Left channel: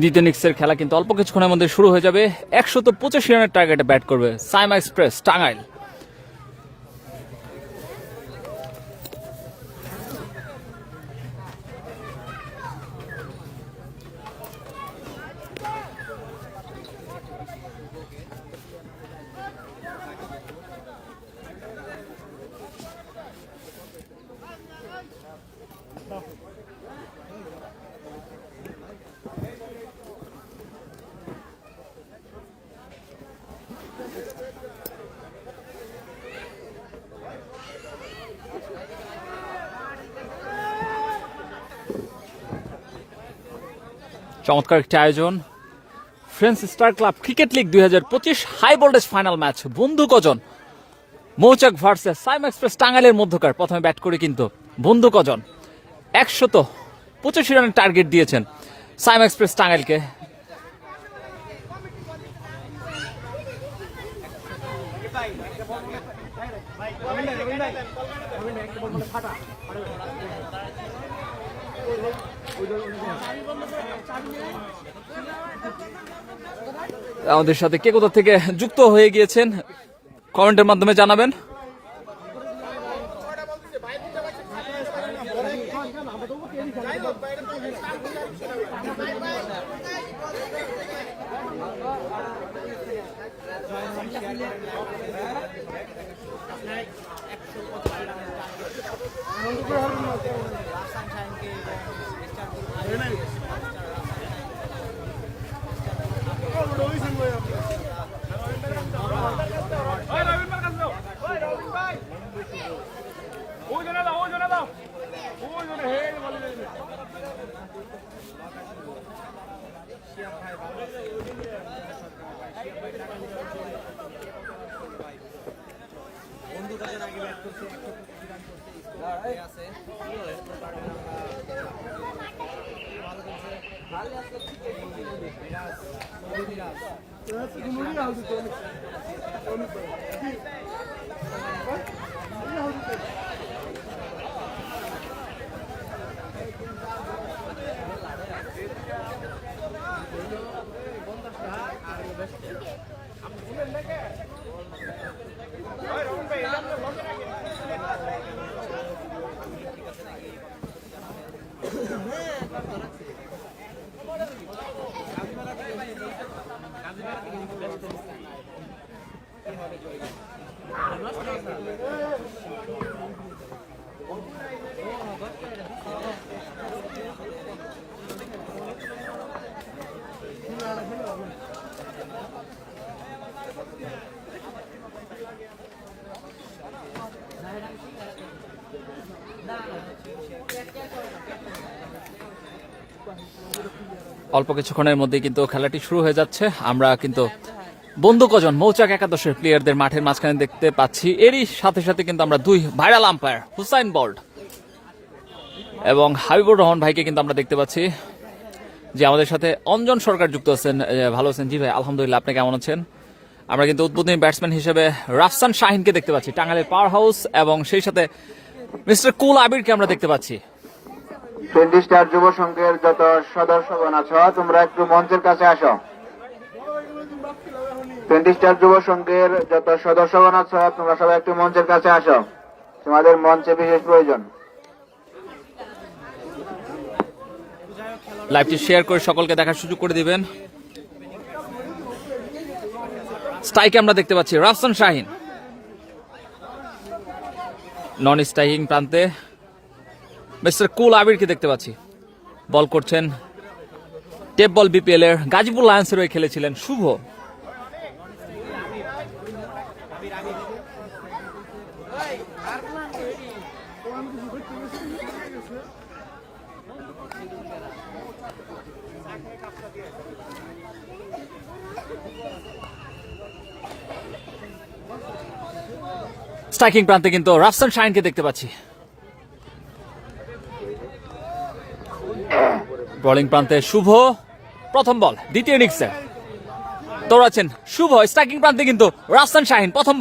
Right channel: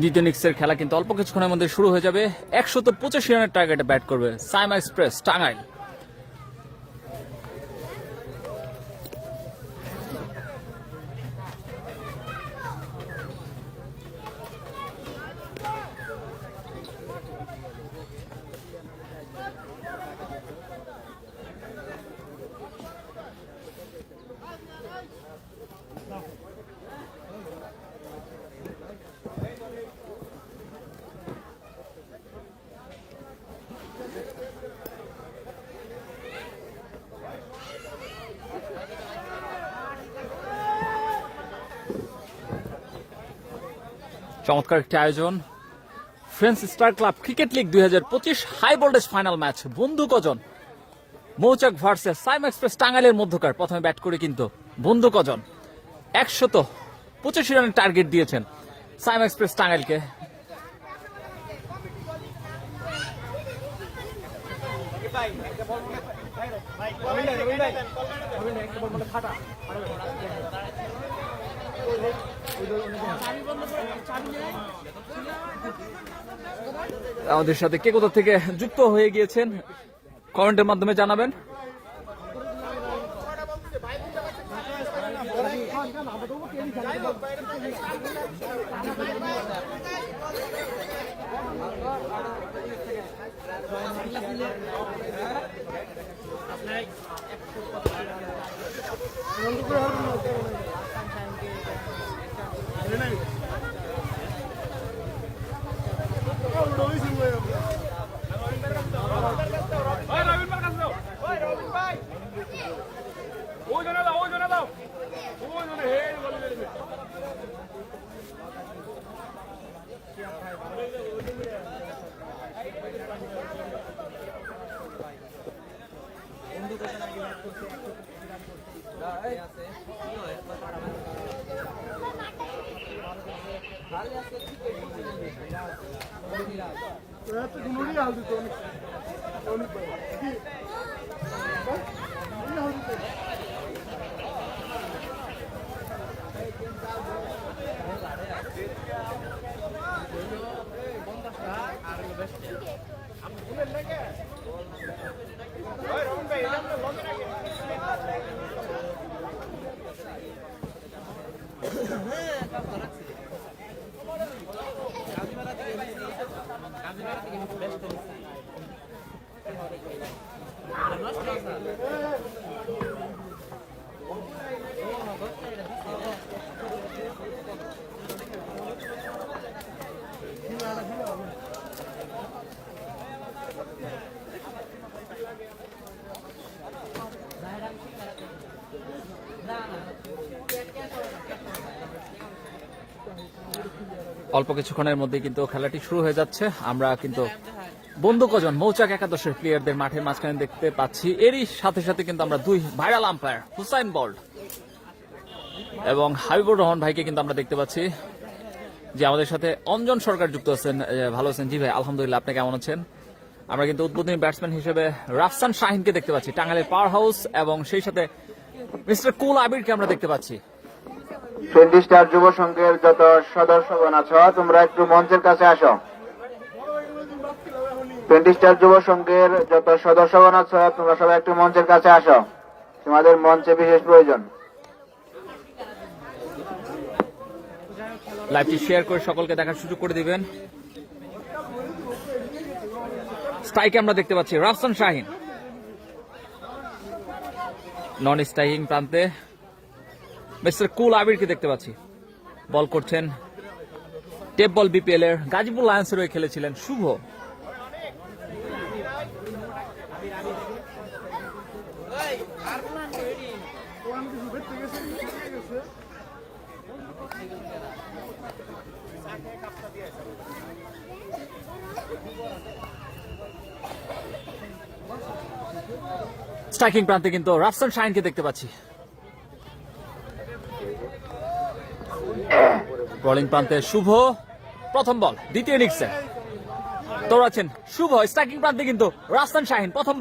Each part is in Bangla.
দ্বিতীয় ইনিংসের খেলা কিন্তু অল্প কিছুক্ষণের মধ্যে শুরু হয়ে যাবে। 185 রানের টার্গেটে ব্যাট করবে সাইমা এক্সপ্রেস টাঙ্গাইল। চমৎকার একটি আয়োজন, friends star club cricket league 2025 high voltage final match বন্ধু কজন মৌচাক ভার্সেস সাইম এক্সপ্রেস টাঙ্গাইলের মধ্যকার। প্রথমে ব্যাট করে কিন্তু বন্ধু কজন 185 রানের টার্গেট দিয়েছেন সাইম এক্সপ্রেস টাঙ্গাইলকে। আমাদের সাথে কে কোথা থেকে যুক্ত হয়ে গিয়েছেন কমেন্টের মাধ্যমে জানাবেন। অল্প কিছুক্ষণের মধ্যে কিন্তু খেলাটি শুরু হয়ে যাচ্ছে। আমরা কিন্তু বন্ধু কজন মৌচাক একাদশের প্লেয়ারদের মাঠের মাঝখানে দেখতে পাচ্ছি। এরই সাথে সাথে কিন্তু আমরা দুই ভাইরাল আম্পায়ার হুসাইন বল্ট এবং হাবিবুর রহমান ভাইকে কিন্তু আমরা দেখতে পাচ্ছি, যে আমাদের সাথে অঞ্জন সরকার যুক্ত আছেন। ভালো আছেন? জি ভাই আলহামদুলিল্লাহ, আপনি কেমন আছেন? আমরা কিন্তু উদ্বোধনী ব্যাটসম্যান হিসেবে রাফসান শাহিনকে দেখতে পাচ্ছি টাঙ্গাইলের পাওয়ার হাউস, এবং সেই সাথে মিস্টার কুল আবিরকে আমরা দেখতে পাচ্ছি। 20 স্টার যুব সংঘের যত সদস্যগণ আছো তোমরা একটু মঞ্চের কাছে আসো। 20 স্টার যুব সংঘের যত সদস্যগণ আছো তোমরা সবাই একটু মঞ্চের কাছে আসো, তোমাদের মঞ্চে বিশেষ প্রয়োজন। লাইভটি শেয়ার করে সকলকে দেখার সুযোগ করে দিবেন। স্ট্রাইকে আমরা দেখতে পাচ্ছি রাফসান শাহিন, নন স্ট্রাইকিং প্রান্তে মিস্টার কুল আবিরকে দেখতে পাচ্ছি। বল করছেন টেপ বল বিপিএল এর গাজীপুর লায়ন্সের হয়ে খেলেছিলেন শুভ। স্ট্রাইকিং প্রান্তে কিন্তু রাফসান শাহিনকে দেখতে পাচ্ছি। বোলিং প্রান্তে শুভ, প্রথম বল দ্বিতীয় ইনিংসে দৌড়াচ্ছেন শুভ। স্ট্রাইকিং প্রান্তে কিন্তু রাফসান শাহিন, প্রথম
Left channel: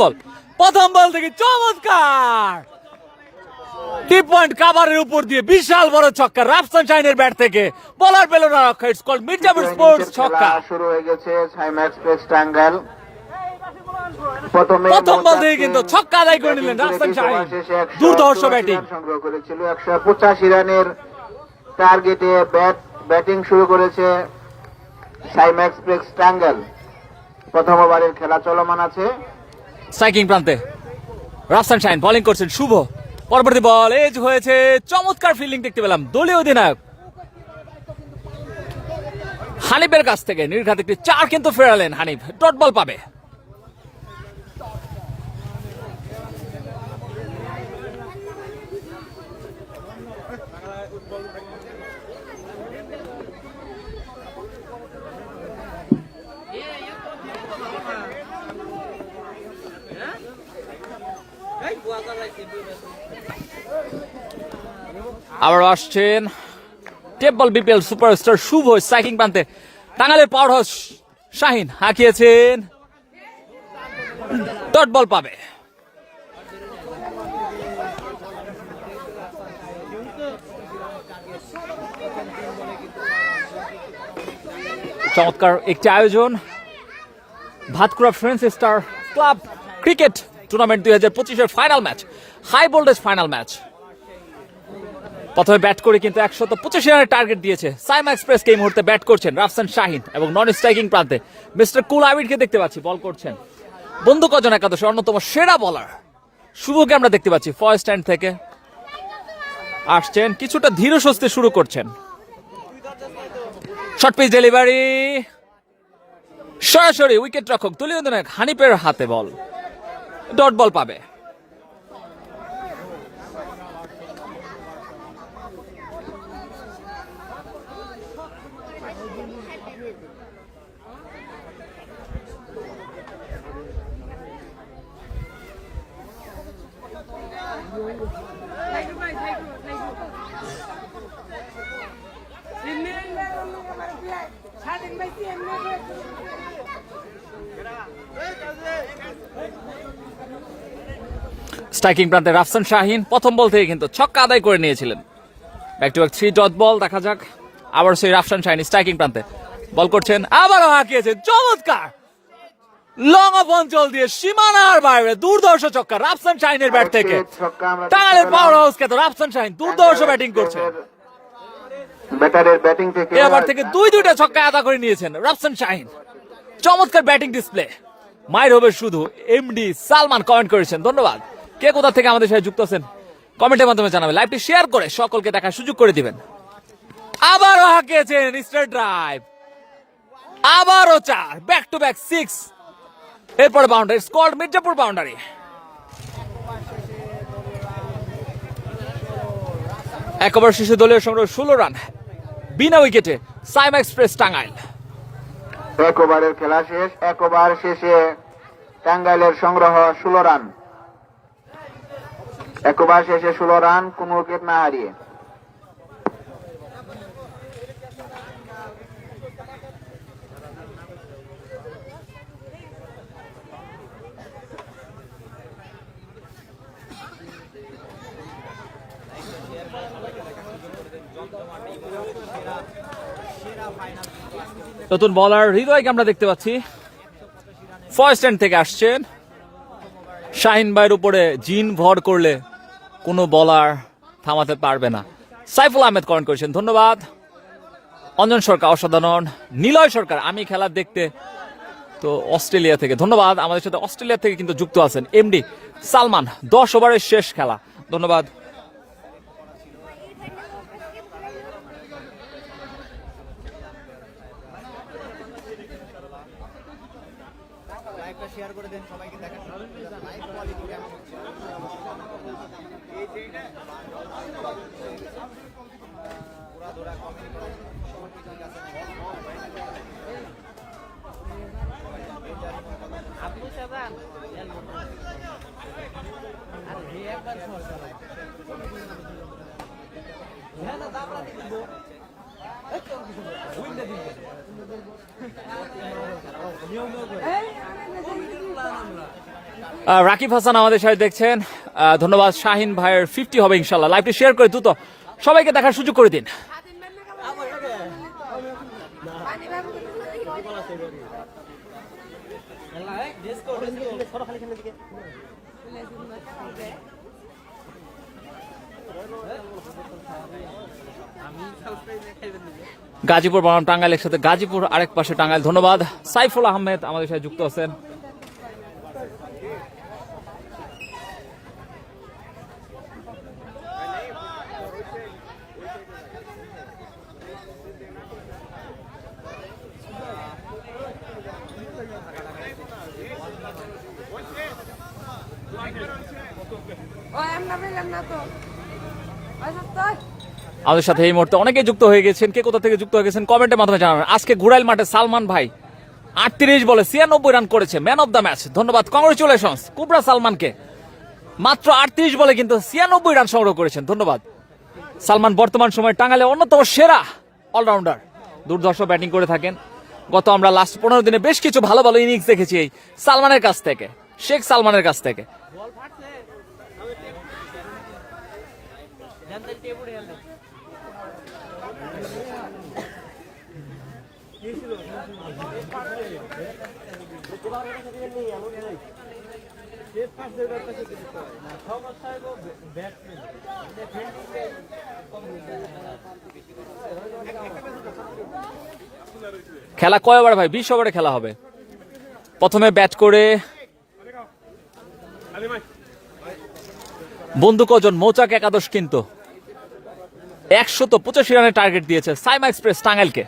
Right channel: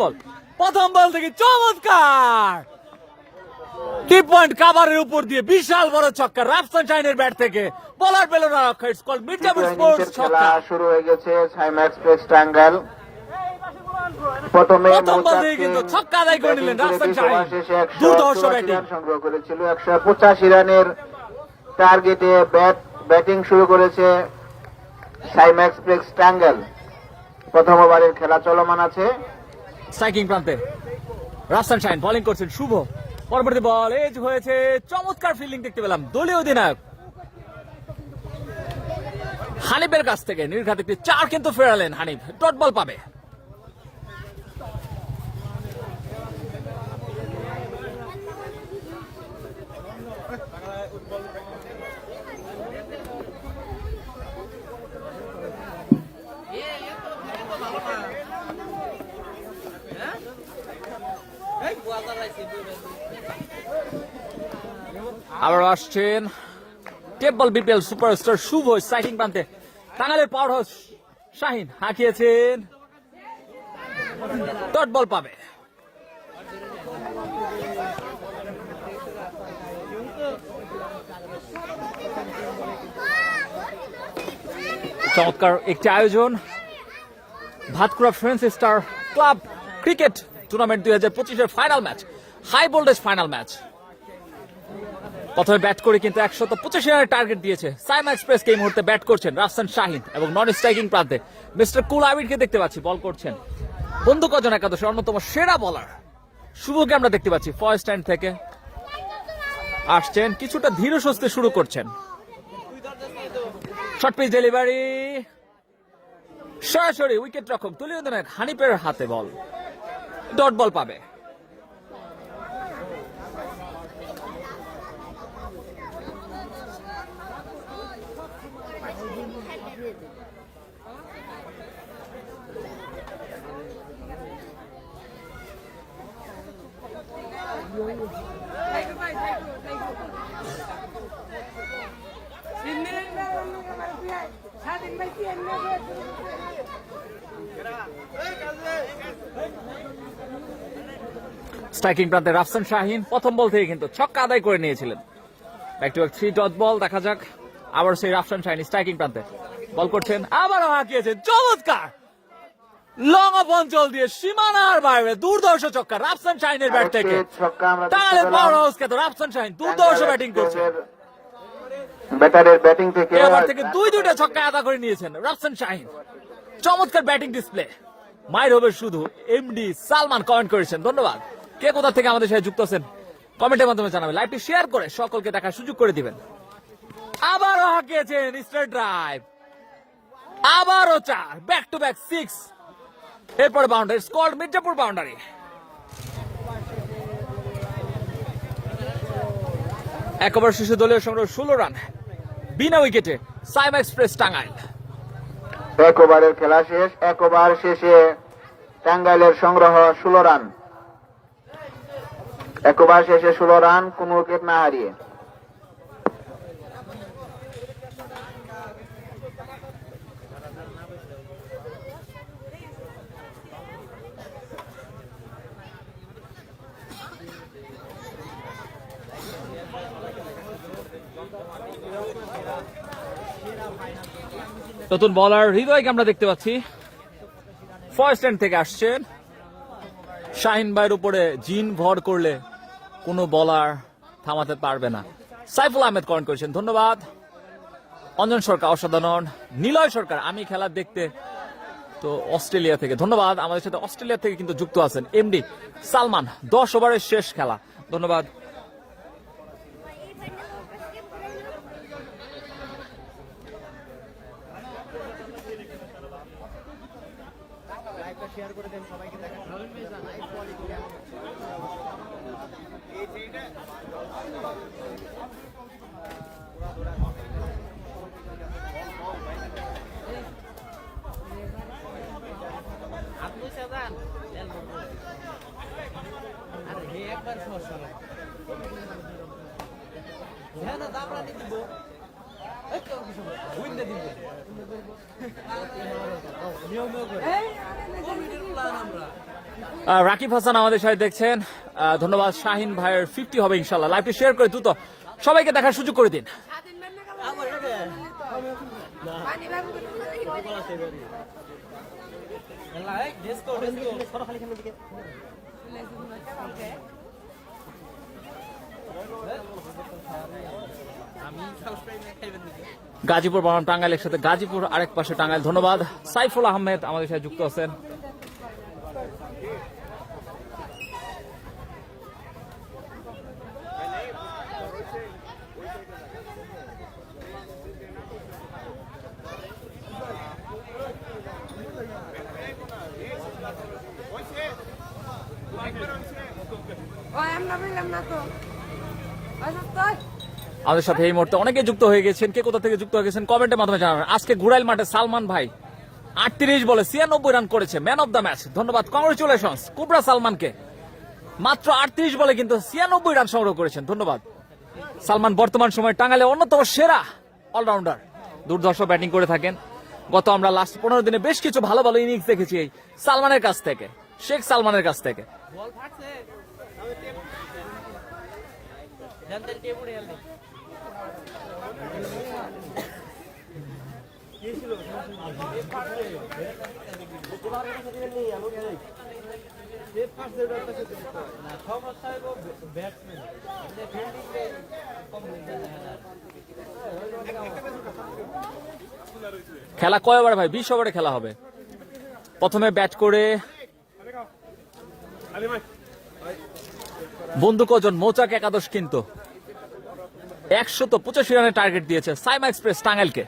বল থেকে চমৎকার ডিপ পয়েন্ট কাভারের উপর দিয়ে বিশাল বড় ছক্কা রাফসান শাহিনের ব্যাট থেকে, বলার পেল না রক্ষা। ইটস কল্ড মির্জাপুর স্পোর্টস ছক্কা। শুরু হয়ে গেছে সাইম্যাক্স প্রেস টাঙ্গাইল। প্রথম বল থেকে কিন্তু ছক্কা আদায় করে নিলেন রাফসান শাহিন। দুর্ধর্ষ ব্যাটিং সংগ্রহ করেছিল। 185 রানের টার্গেটে ব্যাটিং শুরু করেছে সাইম্যাক্স প্রেস টাঙ্গাইল। প্রথম ওভারের খেলা চলমান আছে। স্ট্রাইকিং প্রান্তে রাফসান শাহিন বোলিং করছেন শুভ। পরবর্তী বল এজ হয়েছে, চমৎকার ফিল্ডিং দেখতে পেলাম দলীয় অধিনায়ক হানিফের কাছ থেকে। নির্ঘাত একটি 4 কিন্তু ফেরালেন হানিফ, ডট বল পাবে। আবার আসছেন টেবল বিপিএল সুপারস্টার শুভ স্ট্রাইকিং প্রান্তে। টাঙ্গাইলের পাওয়ার হাউস শাহিন হাঁকিয়েছেন, ডট বল পাবে। চমৎকার একটি আয়োজন Bhatkura friends star club cricket tournament 2025-এর final match, high voltage final match. প্রথমে ব্যাট করে কিন্তু 125 রানের টার্গেট দিয়েছে সাইমা এক্সপ্রেসকে। এই মুহূর্তে ব্যাট করছেন রাফসান শাহিন এবং নন স্ট্রাইকিং প্রান্তে মিস্টার কুল আবিরকে দেখতে পাচ্ছি বল করছেন। বন্ধু কজন একাদশে অন্যতম সেরা বলার শুভকে আমরা দেখতে পাচ্ছি ফার্স্ট স্ট্যান্ড থেকে আসছেন, কিছুটা ধীর সুস্থে শুরু করছেন। শর্ট পিচ ডেলিভারি, সরাসরি উইকেট রক্ষক দলীয় অধিনায়ক হানিফের হাতে বল, ডট বল পাবে। স্ট্রাইকিং প্রান্তে রাফসান শাহিন প্রথম বল থেকে কিন্তু ছক্কা আদায় করে নিয়েছিলেন। Back to back 3 dot ball, দেখা যাক। আবার সেই রাফসান শাহিন স্ট্রাইকিং প্রান্তে বল করছেন, আবারও হাঁকিয়েছেন, চমৎকার লং অফ অঞ্চল দিয়ে সীমানার বাইরে দুর্ধর্ষ ছক্কা রাফসান শাহিনের ব্যাট থেকে। টাঙ্গাইলের পাওয়ার হাউস কে তো রাফসান শাহিন দুর্ধর্ষ ব্যাটিং করছেন। ব্যাটারের ব্যাটিং থেকে এবার থেকে দুইটা ছক্কা আদায় করে নিয়েছেন রাফসান শাহিন। চমৎকার ব্যাটিং ডিসপ্লে। মাইর হবে শুধু এমডি সালমান কমেন্ট করেছেন, ধন্যবাদ। কে কোথা থেকে আমাদের সাথে যুক্ত আছেন কমেন্টের মাধ্যমে জানাবেন, লাইভটি শেয়ার করে সকলকে দেখার সুযোগ করে দিবেন। আবারও হাঁকিয়েছেন স্ট্রেট ড্রাইভ, আবারও 4, ব্যাক টু ব্যাক 6। এরপরে বাউন্ডারি, স্কোয়াড মির্জাপুর বাউন্ডারি। এক ওভার শেষে দলীয় সংগ্রহ 16 রান বিনা উইকেটে সাইমা এক্সপ্রেস টাঙ্গাইল। এক ওভারের খেলা শেষ। এক ওভার শেষে টাঙ্গাইলের সংগ্রহ 16 রান। এক ওভার শেষে 16 রান, কোন উইকেট না হারিয়ে। নতুন বলার হৃদয়কে আমরা দেখতে পাচ্ছি, ফার্স্ট স্ট্যান্ড থেকে আসছেন। শাহিন ভাইয়ের উপরে জিন ভর করলে কোনো বলার থামাতে পারবে না। সাইফুল আহমেদ কমেন্ট করেছেন, ধন্যবাদ। অঞ্জন সরকার অসাধারণ। নিলয় সরকার, আমি খেলা দেখতে তো অস্ট্রেলিয়া থেকে, ধন্যবাদ। আমাদের সাথে অস্ট্রেলিয়া থেকে কিন্তু যুক্ত আছেন এমডি সালমান। 10 ওভারের শেষ খেলা, ধন্যবাদ। রাকিব হাসান আমাদের সাথে দেখছেন, ধন্যবাদ। শাহিন ভাইয়ের 50 হবে ইনশাল্লাহ। লাইভটি শেয়ার করে দ্রুত সবাইকে দেখার সুযোগ করে দিন। গাজীপুর বনাম টাঙ্গাইল একসাথে, গাজীপুর আরেক পাশে টাঙ্গাইল। ধন্যবাদ। সাইফুল আহমেদ আমাদের সাথে যুক্ত আছেন। আমাদের সাথে এই মুহূর্তে অনেকে যুক্ত হয়ে গেছেন। কে কোথা থেকে যুক্ত হয়ে গেছেন কমেন্টের মাধ্যমে জানাবেন। আজকে ঘুরাইল মাঠে সালমান ভাই 38 বলে 96 রান করেছে, ম্যান অফ দ্য ম্যাচ। ধন্যবাদ, কংগ্রেচুলেশনস কুবরা সালমানকে। মাত্র 38 বলে কিন্তু 96 রান সংগ্রহ করেছেন। ধন্যবাদ সালমান। বর্তমান সময়ে টাঙ্গাইলের অন্যতম সেরা অলরাউন্ডার, দুর্ধর্ষ ব্যাটিং করে থাকেন। গত আমরা লাস্ট 15 দিনে বেশ কিছু ভালো ভালো ইনিংস দেখেছি এই সালমানের কাছ থেকে, শেখ সালমানের কাছ থেকে। খেলা কয় ওভার ভাই? 20 ওভারে খেলা হবে। প্রথমে ব্যাট করে বন্ধু কজন, মৌচাক একাদশ কিন্তু 185 রানের টার্গেট দিয়েছে সাইমা এক্সপ্রেস টাঙ্গাইলকে।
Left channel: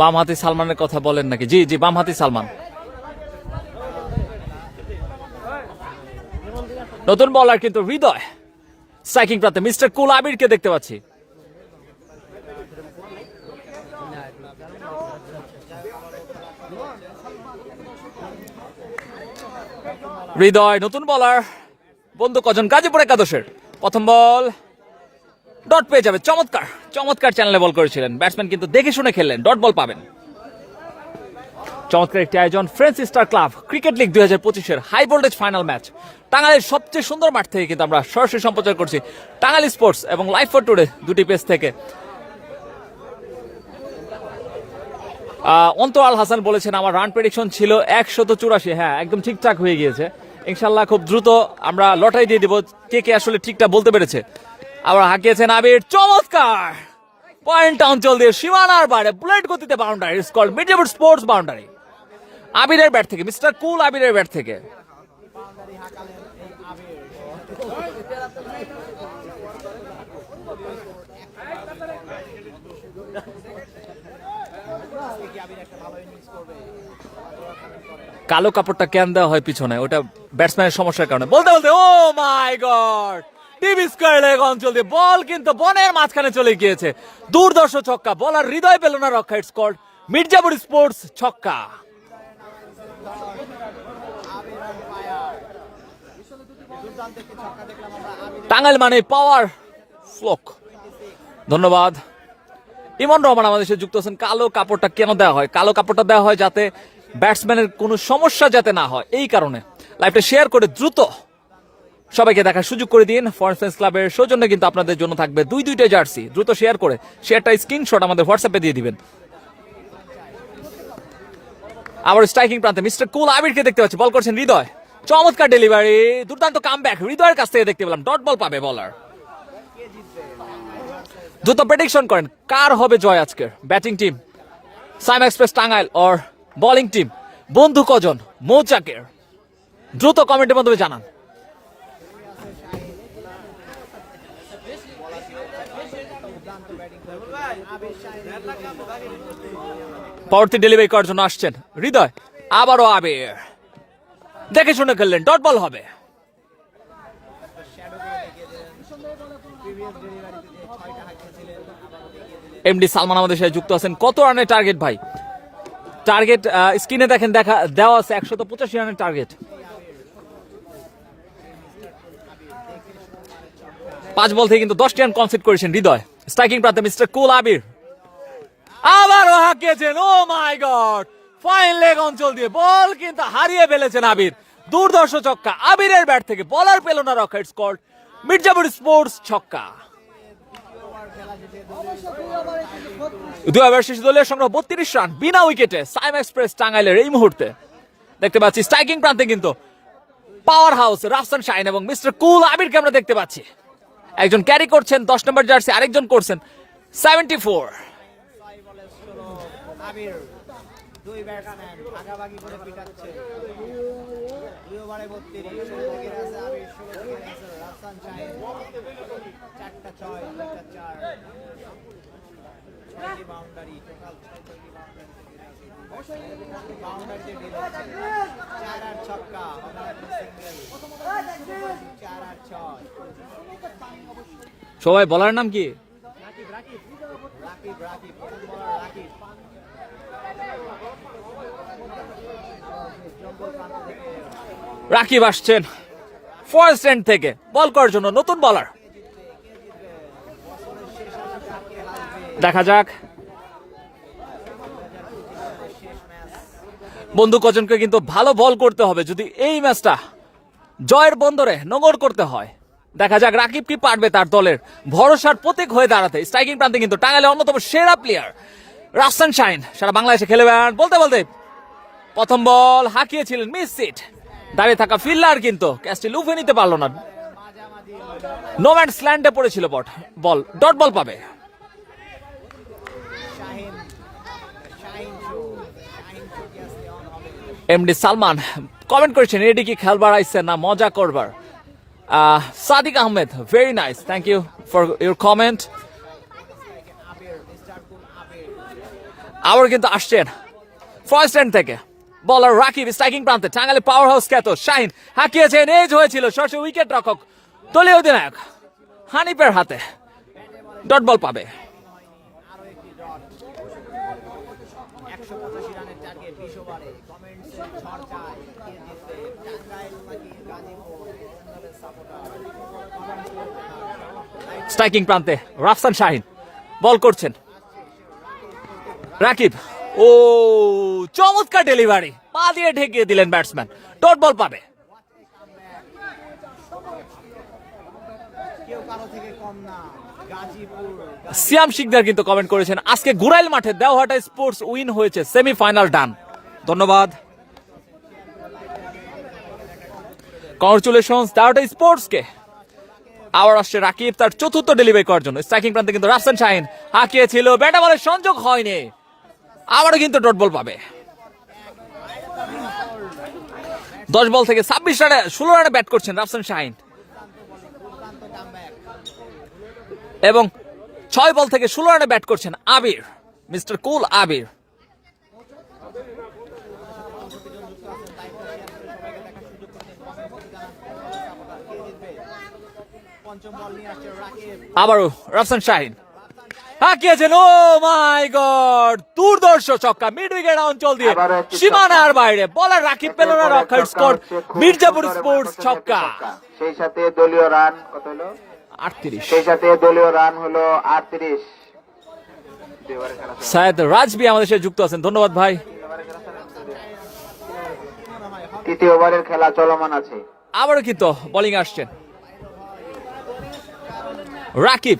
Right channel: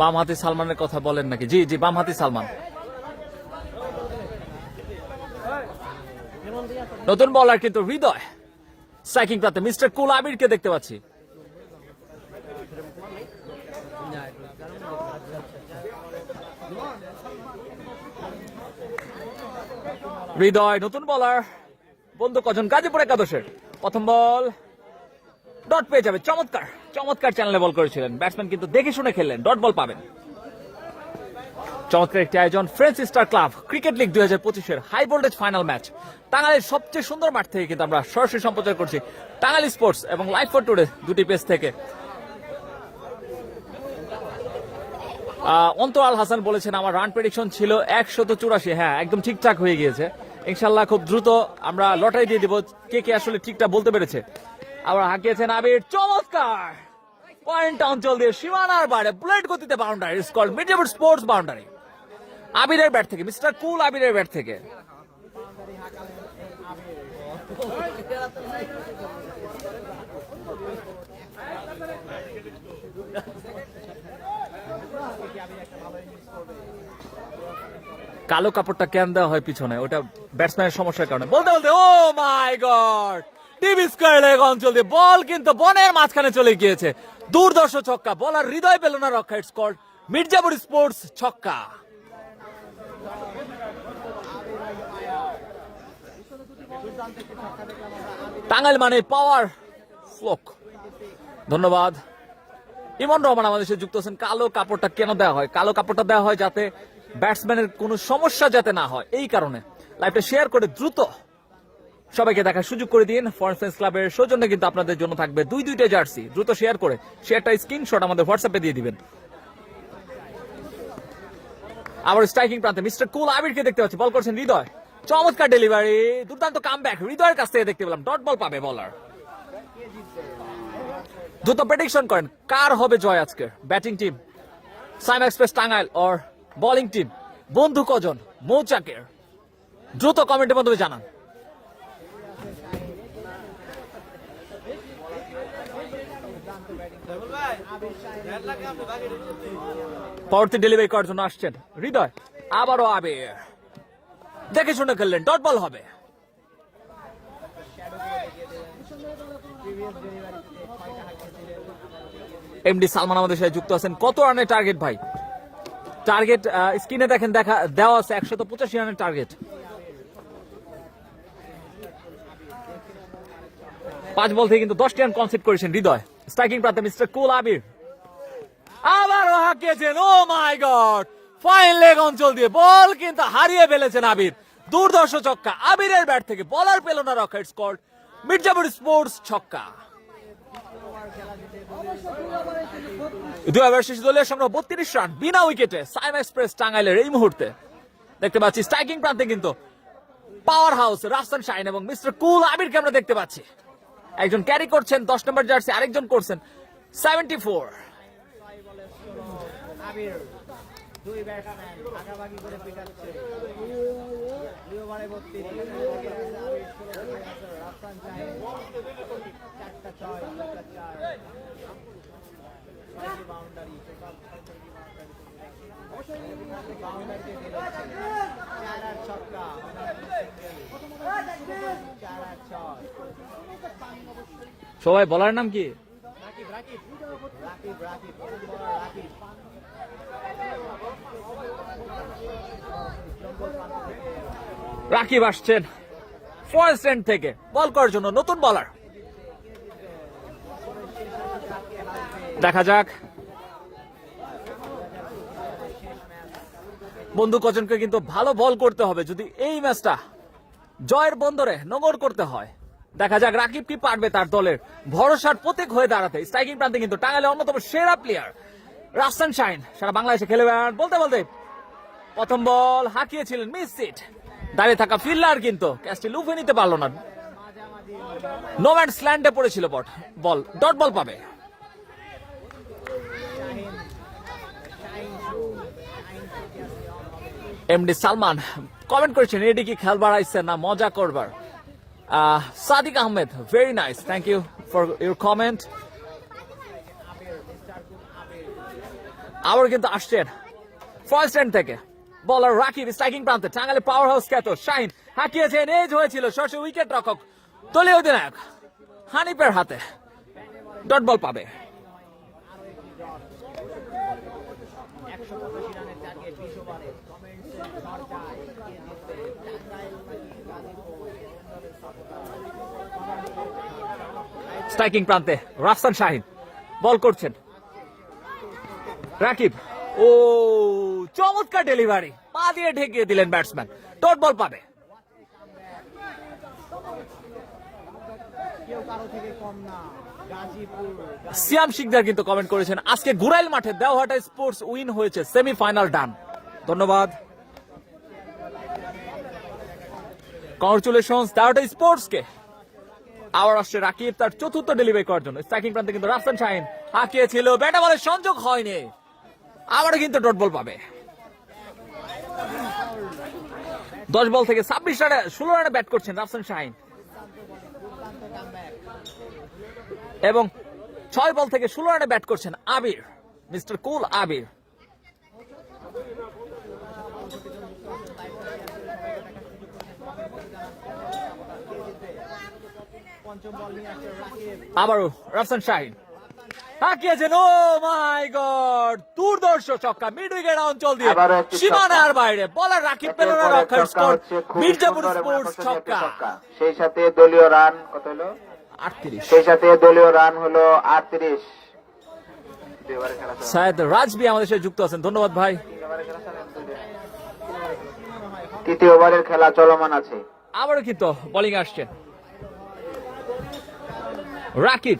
বামহাতি সালমানের কথা বলেন নাকি? জি জি, বামহাতি সালমান। নতুন বলার কিন্তু হৃদয়, স্ট্রাইকিং প্রান্তে মিস্টার কুল আবিরকে দেখতে পাচ্ছি। হৃদয় নতুন বলার, বন্ধু কজন গাজীপুর একাদশের। প্রথম বল ডট পেয়ে যাবে। চমৎকার চমৎকার চ্যানেলে বল করেছিলেন ব্যাটসম্যান, কিন্তু দেখে শুনে খেললেন, ডট বল পাবেন। চমৎকার একটি আয়োজন French star club cricket league 2025-এর হাই ভোল্টেজ ফাইনাল ম্যাচ। টাঙ্গাইলের সবচেয়ে সুন্দর মাঠ থেকে কিন্তু আমরা সরাসরি সম্প্রচার করছি টাঙ্গাইল স্পোর্টস এবং লাইভ ফর টুডে দুটি পেজ থেকে। অন্তরাল হাসান বলেছেন আমার রান প্রেডিকশন ছিল 184। হ্যাঁ, একদম ঠিকঠাক হয়ে গিয়েছে ইনশাল্লাহ। খুব দ্রুত আমরা লটারি দিয়ে দিব কে কে আসলে ঠিকঠাক বলতে পেরেছে। আবার হাঁকিয়েছেন আবির, চমৎকার পয়েন্ট অঞ্চল দিয়ে সীমানার বারে বুলেট গতিতে বাউন্ডারি, ইটস কল্ড মিডজেবুড স্পোর্টস বাউন্ডারি। আবিরের ব্যাট থেকে, মিস্টার কুল আবিরের ব্যাট থেকে। কালো কাপড়টা কেন দেওয়া হয় পিছনে? ওটা ব্যাটসম্যানের সমস্যার কারণে। বলতে বলতে ও মাই গড, টিভি স্কয়ার লেগ অঞ্চল দিয়ে বল কিন্তু বনের মাঝখানে চলে গিয়েছে। দুর্দর্শ ছক্কা, বলার হৃদয় পেল না রক্ষা। ইটস কল্ড মির্জাপুর স্পোর্টস ছক্কা। টাঙ্গাইল মানে পাওয়ার ফ্লোক। ধন্যবাদ। ইমন রহমান আমাদের সাথে যুক্ত আছেন। কালো কাপড়টা কেন দেওয়া হয়? কালো কাপড়টা দেওয়া হয় যাতে ব্যাটসম্যানের কোনো সমস্যা যাতে না হয়, এই কারণে। লাইভটা শেয়ার করে দ্রুত সবাইকে দেখার সুযোগ করে দিন। ফরেন ফ্রেন্ডস ক্লাবের সৌজন্যে কিন্তু আপনাদের জন্য থাকবে দুইটা জার্সি। দ্রুত শেয়ার করে শেয়ারটা স্ক্রিনশট আমাদের হোয়াটসঅ্যাপে দিয়ে দিবেন। আবার স্ট্রাইকিং প্রান্তে মিস্টার কুল আবিরকে দেখতে পাচ্ছি, বল করছেন হৃদয়। চমৎকার ডেলিভারি, দুর্দান্ত কামব্যাক হৃদয়ের কাছ থেকে দেখতে পেলাম। ডট বল পাবে বলার। দ্রুত প্রেডিকশন করেন কার হবে জয় আজকে, batting team Saima express Tangail or bowling team বন্ধু কজন মৌচাকের? দ্রুত কমেন্টের মাধ্যমে জানান। পরবর্তী ডেলিভারি করার জন্য আসছেন হৃদয়। আবারও আবির দেখে শুনে খেললেন, ডট বল হবে। এমডি সালমান আমাদের সাথে যুক্ত আছেন। কত রানের টার্গেট ভাই? টার্গেট স্ক্রিনে দেখেন দেওয়া আছে 185 রানের টার্গেট। 5 বল থেকে কিন্তু 10টি রান কনসিড করেছেন হৃদয়। স্ট্রাইকিং প্রান্তে মিস্টার কুল আবির আবারও হাঁকিয়েছেন। ও মাই গড, ফাইন লেগ অঞ্চল দিয়ে বল কিন্তু হারিয়ে ফেলেছেন আবির। দুর্ধর্ষ ছক্কা আবিরের ব্যাট থেকে, বলার পেল না রক্ষা। ইটস কল্ড মির্জাপুর স্পোর্টস ছক্কা। 2 ওভার শেষে দলীয় সংগ্রহ 32 রান বিনা উইকেটে সাইম এক্সপ্রেস টাঙ্গাইলের এই মুহূর্তে। দেখতে পাচ্ছি স্ট্রাইকিং প্রান্তে কিন্তু পাওয়ার হাউস রাফসান শাহিন এবং মিস্টার কুল আবিরকে আমরা দেখতে পাচ্ছি। একজন ক্যারি করছেন 10 নম্বর জার্সি, আরেকজন করছেন 74। সবাই বলার নাম কি? রাকিব আসছেন ফার্স্ট এন্ড থেকে বল করার জন্য, নতুন বলার। দেখা যাক বন্ধু কজনকে কিন্তু ভালো বল করতে হবে যদি এই ম্যাচটা জয়ের বন্দরে নোঙর করতে হয়। দেখা যাক রাকিব কি পারবে তার দলের ভরসার প্রতীক হয়ে দাঁড়াতে। স্ট্রাইকিং প্রান্তে কিন্তু টাঙ্গাইলের অন্যতম সেরা প্লেয়ার রাফসান শাহিন সারা বাংলাদেশে খেলবেন বলতে বলতে প্রথম বল হাঁকিয়েছিলেন, মিস সিট। দাঁড়িয়ে থাকা ফিল্ডার কিন্তু ক্যাচটি লুফে নিতে পারলো না। নো ম্যানস ল্যান্ডে পড়েছিল বল, ডট বল পাবে। এমডি সালমান কমেন্ট করেছেন এডি কি খেলবার আইছে না মজা করবার। Sadiq Ahmed very nice, thank you for your comment. আবার কিন্তু আসছেন ফার্স্ট এন্ড থেকে বলার রাকিব। স্ট্রাইকিং প্রান্তে টাঙ্গাইলে পাওয়ার হাউস খ্যাত শাহিন হাঁকিয়েছেন, এজ হয়েছিল সরাসরি উইকেট রক্ষক দলীয় অধিনায়ক হানিফের হাতে, ডট বল পাবে। স্ট্রাইকিং প্রান্তে রাফসান শাহিন বল করছেন, রাকিব ও চমৎকার ডেলিভারি, পা দিয়ে ঠেকিয়ে দিলেন ব্যাটসম্যান, ডট বল পাবে। সিয়াম শিকদার কিন্তু কমেন্ট করেছেন আজকে গুরাইল মাঠে দেওহাটা স্পোর্টস উইন হয়েছে, সেমিফাইনাল ডান। ধন্যবাদ, কংগ্রেচুলেশনস দেওহাটা স্পোর্টস কে। আবার আসছে রাকিব তার চতুর্থ ডেলিভারি করার জন্য। স্ট্রাইকিং প্রান্তে কিন্তু রাফসান শাহিন হাঁকিয়েছিল, ব্যাটে বলের সংযোগ হয়নি, আবারও কিন্তু ডট বল পাবে। 10 বল থেকে 26 রানে 16 রানে ব্যাট করছেন রাফসান শাহিন এবং 6 বল থেকে 16 রানে ব্যাট করছেন আবির, মিস্টার কুল আবির। আবারও রাফসান শাহিন হাঁকিয়েছেন, ও মাই গড, দুর্ধর্ষ ছক্কা মিড উইকেট অঞ্চল দিয়ে সীমানার বাইরে, বলার রাকিব পেল না রক্ষা। স্কোর মির্জাপুর স্পোর্টস ছক্কা। সেই সাথে দলীয় রান কত হলো? 38। সেই সাথে দলীয় রান হলো 38। সায়েদ রাজবি আমাদের সাথে যুক্ত আছেন, ধন্যবাদ ভাই। তৃতীয় ওভারের খেলা চলমান আছে। আবারও কিন্তু বোলিং আসছেন রাকিব।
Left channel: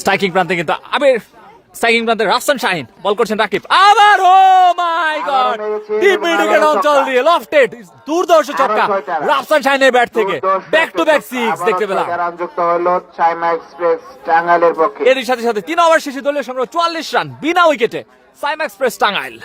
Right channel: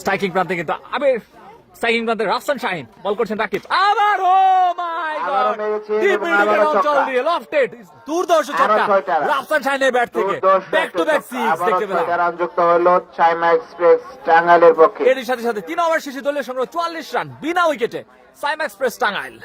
স্ট্রাইকিং প্রান্তে কিন্তু আবির, স্ট্রাইকিং প্রান্তে রাফসান শাহিন বল করছেন রাকিব। আবার ও মাই গড, ডিপ মিড উইকেট অঞ্চল দিয়ে লফটেড, দুর্ধর্ষ ছক্কা রাফসান শাহিনের ব্যাট থেকে, ব্যাক টু ব্যাক সিক্স দেখতে পেলাম। রান যুক্ত হলো সাইমা এক্সপ্রেস টাঙ্গাইলের পক্ষে। এর সাথে সাথে 3 ওভার শেষে দলীয় সংগ্রহ 44 রান বিনা উইকেটে সাইমা এক্সপ্রেস টাঙ্গাইল।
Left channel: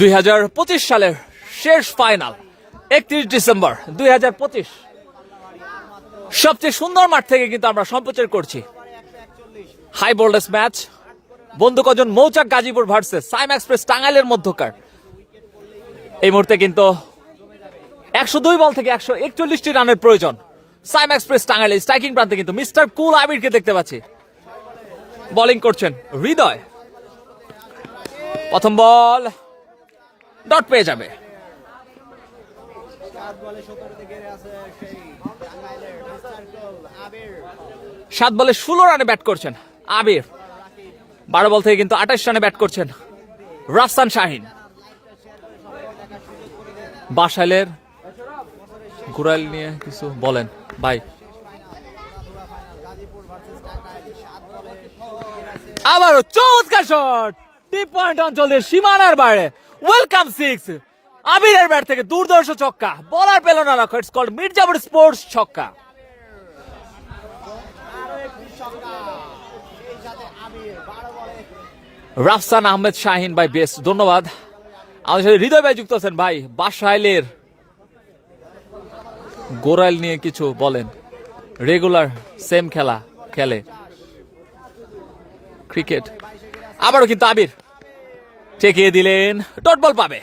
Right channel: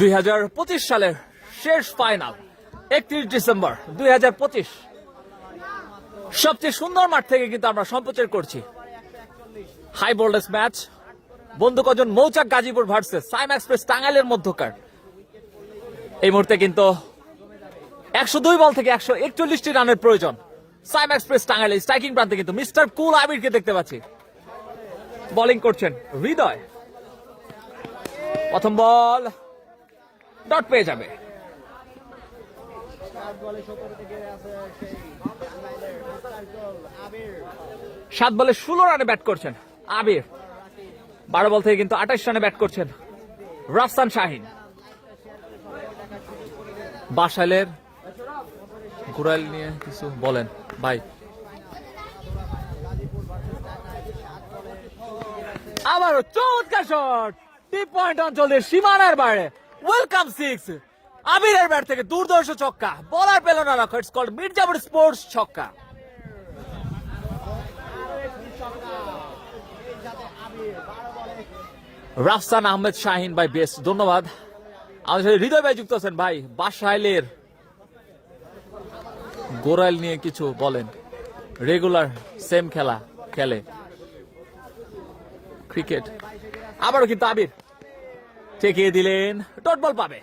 2025 সালের শেষ ফাইনাল 31 ডিসেম্বর 2025 সবচেয়ে সুন্দর মাঠ থেকে কিন্তু আমরা সম্প্রচার করছি হাই ভোল্টেজ ম্যাচ বন্ধু কজন মৌচাক গাজীপুর ভার্সেস সাইম এক্সপ্রেস টাঙ্গাইলের মধ্যকার। এই মুহূর্তে কিন্তু 102 বল থেকে 141টি রানের প্রয়োজন সাইম এক্সপ্রেস টাঙ্গাইলের স্ট্রাইকিং প্রান্তে কিন্তু মিস্টার কুল আবিরকে দেখতে পাচ্ছি। বোলিং করছেন হৃদয়। প্রথম বল ডট পেয়ে যাবে। 7 বলে 16 রানে ব্যাট করছেন আবির। 12 বল থেকে কিন্তু 28 রানে ব্যাট করছেন রাফসান শাহিন। বাসাইলের ঘুরাইল নিয়ে কিছু বলেন ভাই। আবারও চমৎকার শট, 3 পয়েন্ট অঞ্চলের সীমানার বাইরে। ওয়েলকাম 6 আবিরের ব্যাট থেকে দুর্ধর্ষ ছক্কা, বলার পেল না রাখো। ইটস কল্ড মির্জাপুর স্পোর্টস ছক্কা। রাফসান আহমেদ শাহিন ভাই বেশ ধন্যবাদ। আমাদের সাথে হৃদয় ভাই যুক্ত আছেন ভাই। বাসাইলের গোরাইল নিয়ে কিছু বলেন। রেগুলার সেম খেলা খেলে ক্রিকেট। আবারও কিন্তু আবির ঠেকিয়ে দিলেন, ডট বল পাবে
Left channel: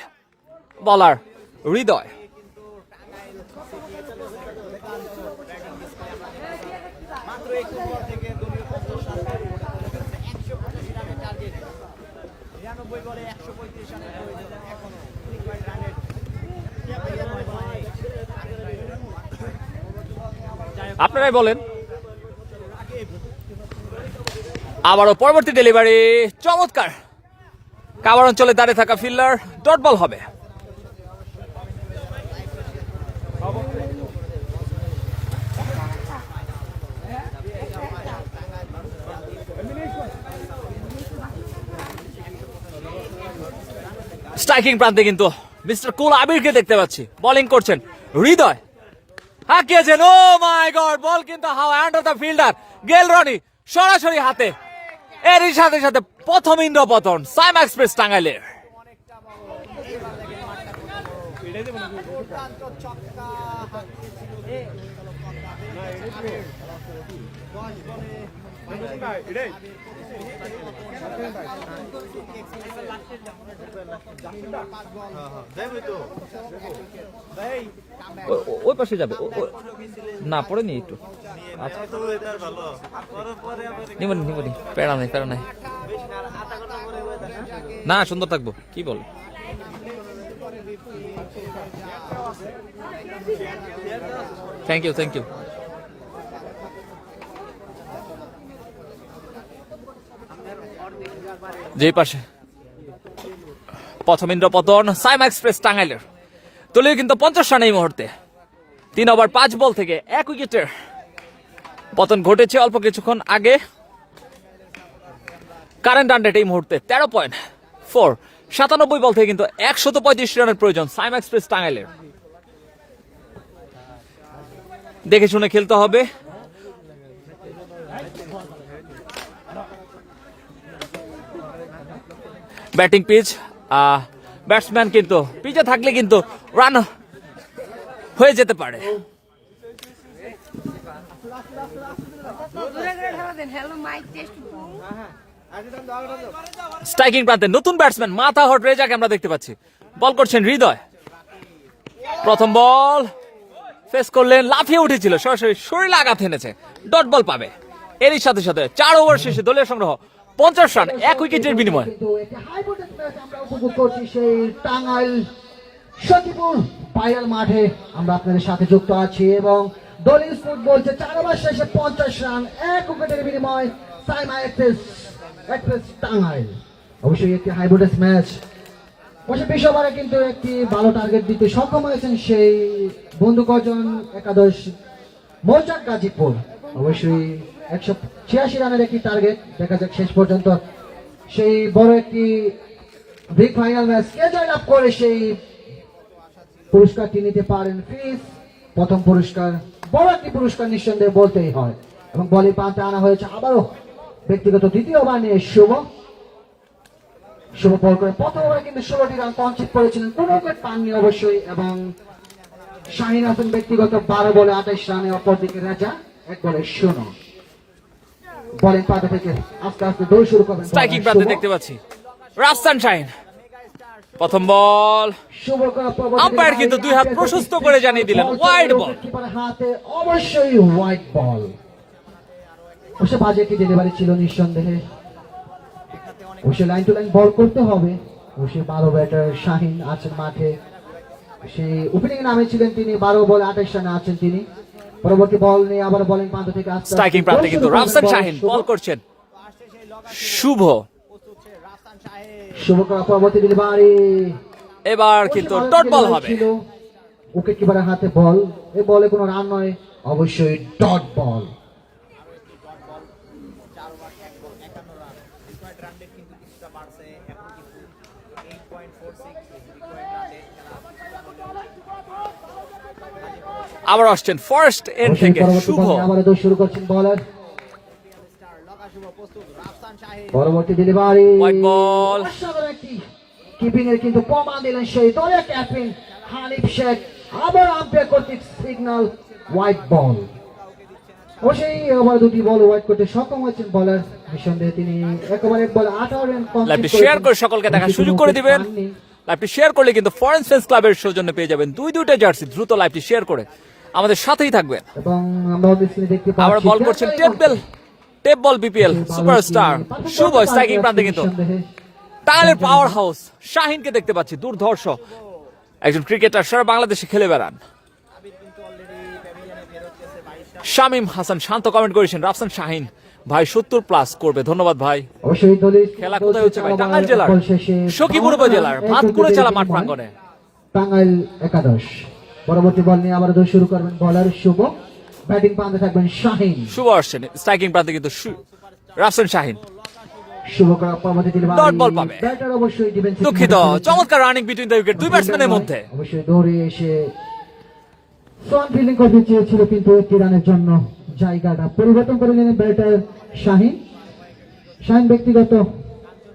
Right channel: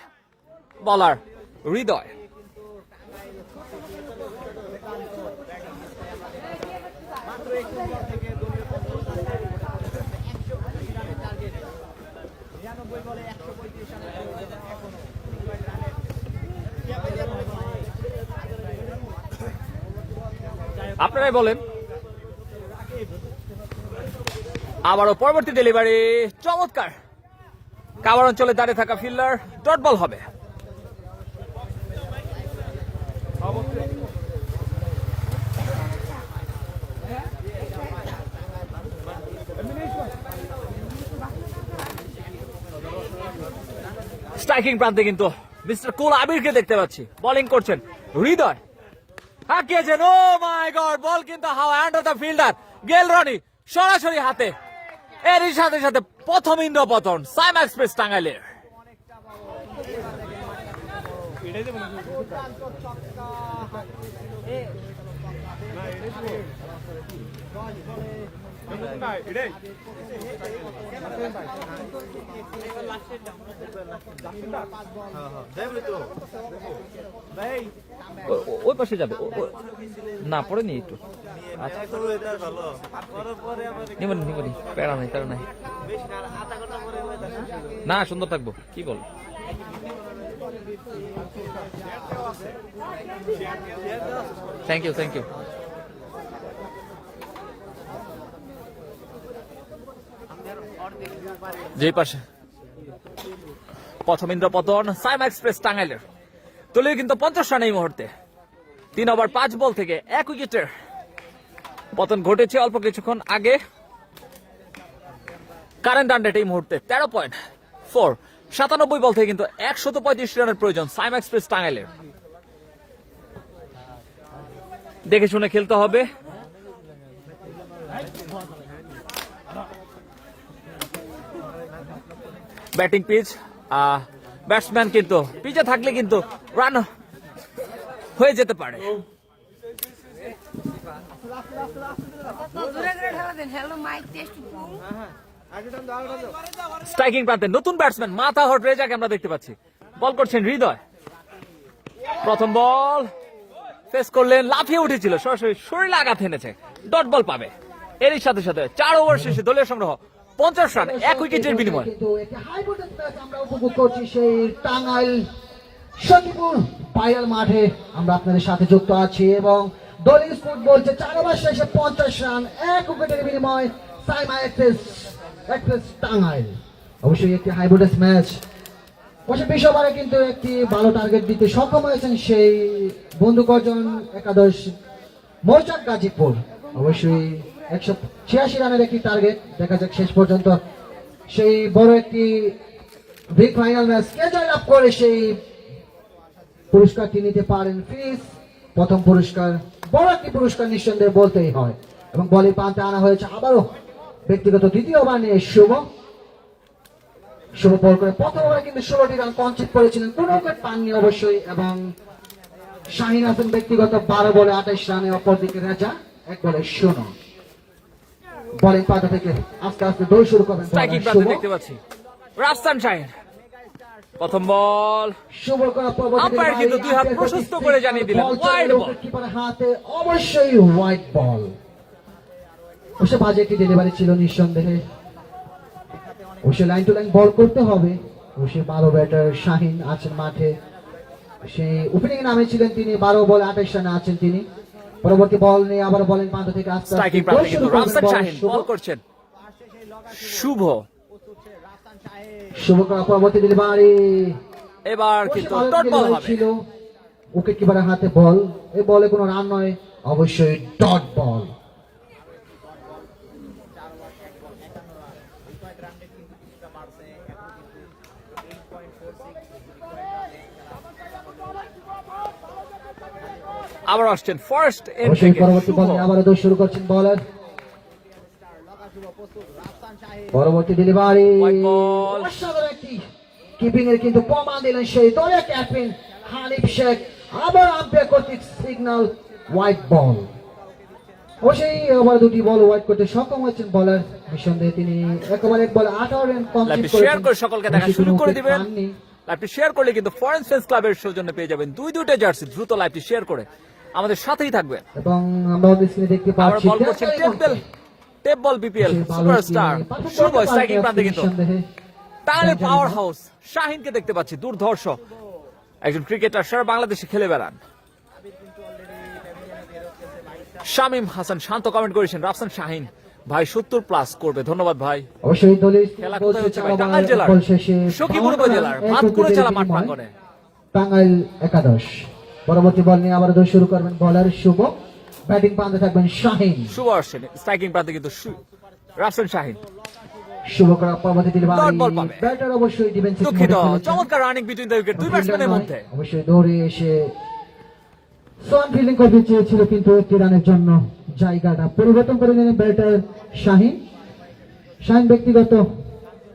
বলার হৃদয়। আপনারাই বলেন। আবারও পরবর্তী ডেলিভারি চমৎকার, কাভার অঞ্চলে দাঁড়িয়ে থাকা ফিল্ডার, ডট বল হবে। স্ট্রাইকিং প্রান্তে কিন্তু মিস্টার কুল আবিরকে দেখতে পাচ্ছি। বোলিং করছেন হৃদয়। হাঁকিয়েছেন, ও মাই গড, বল কিন্তু হাওয়া, আন্ডার দ্য ফিল্ডার গেল রনি সরাসরি হাতে। এরই সাথে সাথে প্রথম ইন্দ্রপতন সাইম এক্সপ্রেস টাঙ্গাইলের। ওই পাশে যাবে না, পরে নি একটু নিবনি নিবনি, প্যারা নাই প্যারা নাই, না সুন্দর থাকবো। কি বল, থ্যাংক ইউ থ্যাংক ইউ। যে পাশে প্রথম ইন্দ্রপতন সাইম এক্সপ্রেস টাঙ্গাইলের। দলীয় কিন্তু 50 রান এই মুহূর্তে। 3 ওভার 5 বল থেকে 1 উইকেটের পতন ঘটেছে অল্প কিছুক্ষণ আগে। কারেন্ট রান রেট এই মুহূর্তে 13.4। 97 বল থেকে কিন্তু 135 রানের প্রয়োজন সাইম এক্সপ্রেস টাঙ্গাইলের। দেখে শুনে খেলতে হবে। ব্যাটিং পিচ, ব্যাটসম্যান কিন্তু পিচে থাকলে কিন্তু রান হয়ে যেতে পারে। স্ট্রাইকিং প্রান্তে নতুন ব্যাটসম্যান মাথা হট রেজাকে আমরা দেখতে পাচ্ছি। বল করছেন হৃদয়। প্রথম বল ফেস করলেন, লাফিয়ে উঠেছিল, সরাসরি শরীরে আঘাত এনেছে, ডট বল পাবে। এরই সাথে সাথে 4 ওভার শেষে দলীয় সংগ্রহ 50 রান 1 উইকেটের বিনিময়ে। টাঙ্গাইল সখীপুর ভাইরাল মাঠে আমরা আপনাদের সাথে যুক্ত আছি এবং দলীয় স্কোর বলছে 4 ওভার শেষে 50 রান 1 উইকেটের বিনিময়ে সাইম এক্সপ্রেস টাঙ্গাইল। অবশ্যই একটি হাই ভোল্টেজ ম্যাচ। 20 ওভারে কিন্তু একটি ভালো টার্গেট দিতে সক্ষম হয়েছেন সেই বন্ধু কজন একাদশ মৌচাক গাজীপুর। অবশ্যই 186 রানের একটি টার্গেট। দেখা যাক শেষ পর্যন্ত সেই বড় একটি বিগ ফাইনাল ম্যাচ কে জয়লাভ করে সেই পুরস্কারটি নিতে পারেন। ফিস প্রথম পুরস্কার বড় একটি পুরস্কার নিঃসন্দেহে বলতেই হয়। এবং বলের প্রান্তে আনা হয়েছে আবারও ব্যক্তিগত দ্বিতীয়বার নিয়ে শুভ বল করে প্রথম ওভারে কিন্তু 16টি রান কনসিড করেছিলেন, কোন উইকেট পাননি অবশ্যই। এবং শাহিন হাসান ব্যক্তিগত 12 বলে 28 রানে, অপরদিকে রেজা 1 বলে 0। বলিং পাতা থেকে আস্তে আস্তে দৌড় শুরু করেন স্ট্রাইকিং প্রান্তে দেখতে পাচ্ছি রাফসান শাহিন। প্রথম বল, আম্পায়ার কিন্তু দুই হাত প্রশস্ত করে জানিয়ে দিলেন ওয়াইড বল। হাতে অবশ্যই হোয়াইট বল। অবশ্য বাজে একটি ডেলিভারি ছিল নিঃসন্দেহে। অবশ্যই লাইন টু লাইন বল করতে হবে। অবশ্যই 12 ব্যাটার শাহিন আছেন মাঠে, সেই ওপেনিং নামে ছিলেন তিনি। 12 বল 28 রানে আছেন তিনি। পরবর্তী বল নিয়ে আবার বলিং প্রান্ত থেকে আসছে স্ট্রাইকিং প্রান্তে কিন্তু রাফসান শাহিন বল করছেন শুভ। পরবর্তী ডেলিভারি এবার কিন্তু ডট বল হবে। উইকেট কিপারের হাতে বল, এই বলে কোনো রান নয়, অবশ্যই ডট বল। আবার আসছেন ফার্স্ট এন্ড থেকে শুভ। আবার দৌড় শুরু করছেন বলার। পরবর্তী ডেলিভারি হোয়াইট বল। কিপিং এর কিন্তু প্রমাণ দিলেন সেই দলের ক্যাপ্টেন হানিফ শেখ। আবার আম্পায়ার কর্তৃক সিগন্যাল হোয়াইট বল। অবশ্যই আবার দুটি বল হোয়াইট করতে সক্ষম হয়েছেন বলার। নিঃসন্দেহে তিনি একেবারে বল 18 রান লাইভটি কমপ্লিট শেয়ার করে সকলকে দেখার সুযোগ করে দিবেন। লাইভটি শেয়ার করলে কিন্তু ফরেন ফ্রেন্ডস ক্লাবের সৌজন্যে পেয়ে যাবেন দুইটা জার্সি। দ্রুত লাইভটি শেয়ার করে আমাদের সাথেই থাকবেন। এবং আমরা স্ক্রিনে দেখতে আবার পাচ্ছি বল করছেন টেপ বল বিপিএল সুপারস্টার শুভ। স্ট্রাইকিং প্রান্তে কিন্তু টাঙ্গাইলের পাওয়ার হাউস শাহিনকে দেখতে পাচ্ছি। দুর্ধর্ষ একজন ক্রিকেটার, সারা বাংলাদেশে খেলে বেড়ান। শামীম হাসান শান্ত কমেন্ট করেছেন রাফসান শাহিন ভাই 70+ করবে। ধন্যবাদ ভাই। অবশ্যই দলের খেলা কোথায় হচ্ছে ভাই? টাঙ্গাইল জেলার সখীপুর উপজেলার ভাতকুড়া চালা মাঠ প্রাঙ্গণে। টাঙ্গাইল একাদশ। পরবর্তী বল নিয়ে আবার দৌড় শুরু করবেন বলার শুভ। ব্যাটিং প্রান্তে থাকবেন শাহিন। শুভ আসছেন স্ট্রাইকিং প্রান্তে কিন্তু রাফসান শাহিন। শুভ করা পরবর্তী ডেলিভারি ডট বল পাবে। ব্যাটার অবশ্যই ডিফেন্স দুঃখিত, চমৎকার রানিং বিটুইন দ্য উইকেট, দুই ব্যাটসম্যানের মধ্যে। অবশ্যই দৌড়ে এসে সোয়ান ফিল্ডিং করতে চেয়েছিল, কিন্তু একটি রানের জন্য জায়গাটা পরিবর্তন করে নিলেন ব্যাটার শাহিন। শাহিন ব্যক্তিগত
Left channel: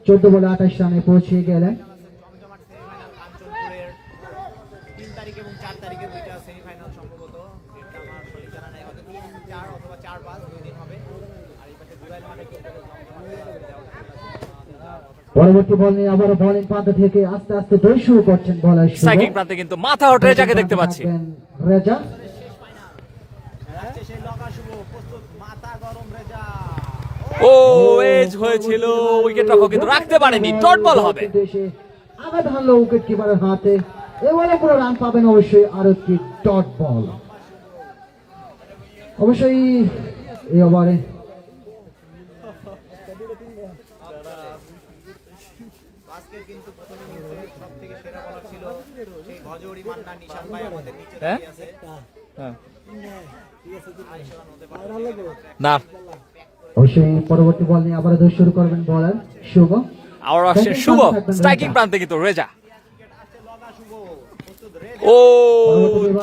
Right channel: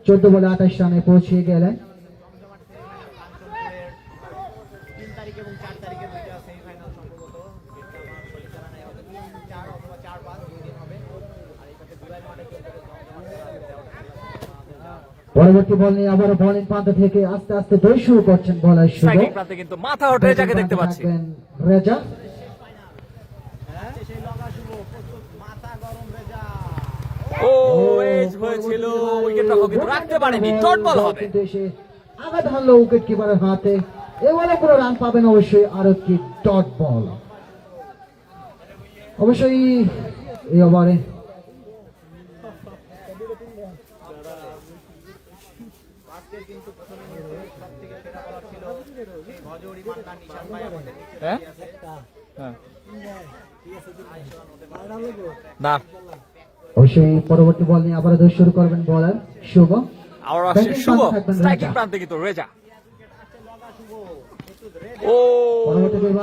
14 বলে 28 রানে পৌঁছে গেলেন। পরবর্তী বল নিয়ে আবার বোলিং প্রান্ত থেকে আস্তে আস্তে দৌড় শুরু করছেন বলার শুভ। স্ট্রাইকিং প্রান্তে কিন্তু মাথা হট রেজাকে দেখতে পাচ্ছি। রেজা ও এজ হয়েছিল, উইকেট রক্ষক কিন্তু রাখতে পারেনি। ডট বল হবে। আঘাত হানলো উইকেট কিপারের হাতে। এবারে পুরো রান পাবেন অবশ্যই আর একটি ডট বল। অবশ্যই এই ওভারে না, অবশ্যই পরবর্তী বল নিয়ে আবার দৌড় শুরু করবেন বলার শুভ। আবার আসছেন শুভ স্ট্রাইকিং প্রান্তে কিন্তু রেজা। ও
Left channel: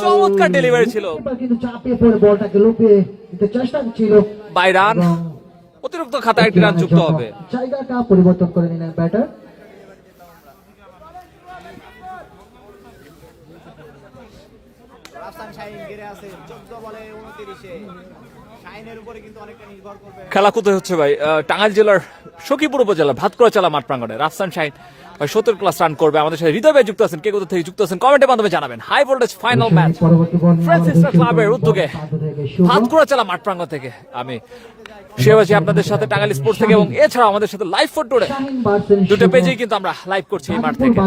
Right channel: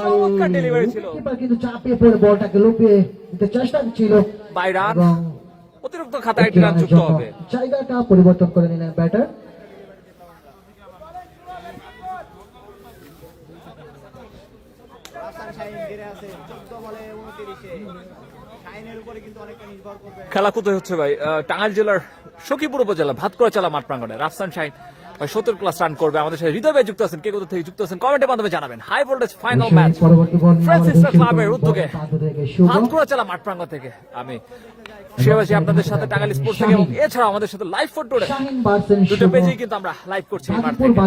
চমৎকার ডেলিভারি ছিল, কিন্তু চাপিয়ে পড়ে বলটাকে লুপিয়ে দিতে চেষ্টা ছিল। বাই রান, অতিরিক্ত খাতায় একটি রান যুক্ত হবে। জায়গাটা পরিবর্তন করে নিলেন ব্যাটার। খেলা কোথায় হচ্ছে ভাই? টাঙ্গাইল জেলার সখীপুর উপজেলা ভাতকুড়া চালা মাঠ প্রাঙ্গণে। রাফসান শাহিন 70+ রান করবে। আমাদের সাথে হৃদয় ভাই যুক্ত আছেন, কে কোথা থেকে যুক্ত আছেন কমেন্টের মাধ্যমে জানাবেন। High voltage final match Francis ক্লাবের উদ্যোগে ভাতকুড়া চালা মাঠ প্রাঙ্গণ থেকে আমি সেবাসী আপনাদের সাথে টাঙ্গাইল স্পোর্টস থেকে, এবং এছাড়া আমাদের সাথে লাইভ ফুটবলে দুটো পেজেই কিন্তু আমরা লাইভ করছি এই মাঠ থেকে।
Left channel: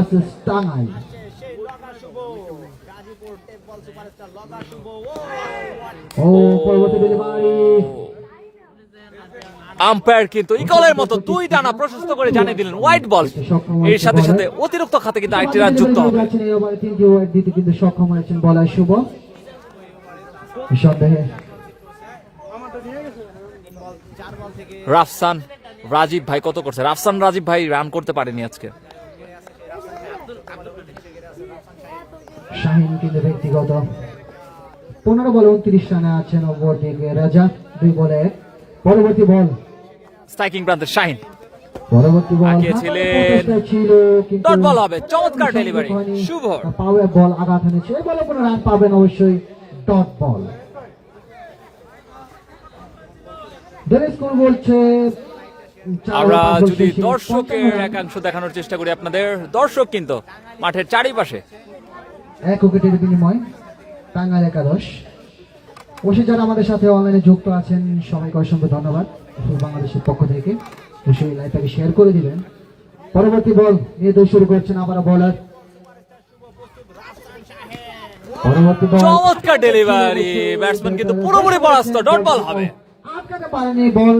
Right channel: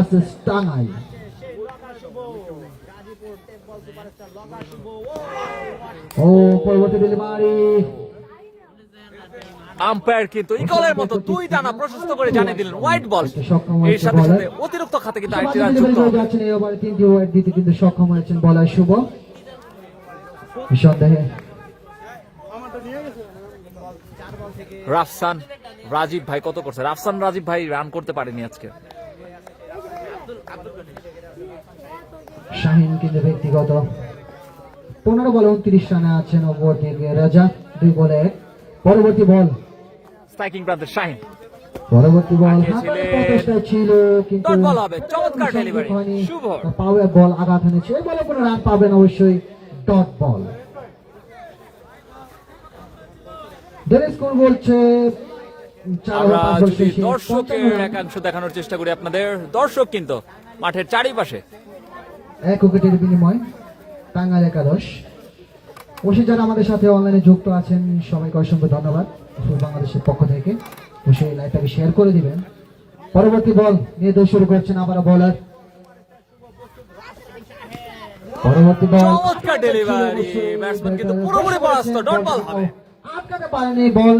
আম্পায়ার কিন্তু ইকলের মতো দুই ডানা প্রশস্ত করে জানিয়ে দিলেন হোয়াইট বল। এর সাথে সাথে অতিরিক্ত খাতে কিন্তু আরেকটি রান যুক্ত হবে। তিনটি ওয়াইড দিতে কিন্তু সক্ষম হয়েছেন বলার শুভ। নিঃসন্দেহে রাফসান রাজীব ভাই কত করছে? রাফসান রাজীব ভাই রান করতে পারেনি আজকে। শাহিন কিন্তু ব্যক্তিগত 15 বলে 29 রানে আছেন অপর দিকে রাজা 2 বলে 1। পরবর্তী বল স্ট্রাইকিং প্রান্তের শাহিন পরবর্তী বল আগিয়েছিলেন। ছিল কিন্তু ডট বল হবে, চমৎকার ডেলিভারি শুভ। পাওয়ার বল আঘাত এনেছে, এই বলে কোনো রান পাবেন অবশ্যই, ডট বল। ডেনিস কোন বলছে আমরা যদি দর্শকের একাংশ দেখানোর চেষ্টা করি আপনাদের, দর্শক কিন্তু মাঠের চারিপাশে। 1 উইকেটের বিনিময় টাঙ্গাইল একাদশ। অবশ্যই যারা আমাদের সাথে অনলাইনে যুক্ত আছেন সবাইকে অসংখ্য ধন্যবাদ বাংলাদেশের পক্ষ থেকে। অবশ্যই লাইভটাকে শেয়ার করে দিবেন। পরবর্তী বল নিয়ে দৌড় শুরু করছেন আবার বোলার। পরবর্তী বল চমৎকার ডেলিভারি, ব্যাটসম্যান কিন্তু পুরোপুরি পরাস্ত, ডট বল হবে। আটকাতে পারেনি বল।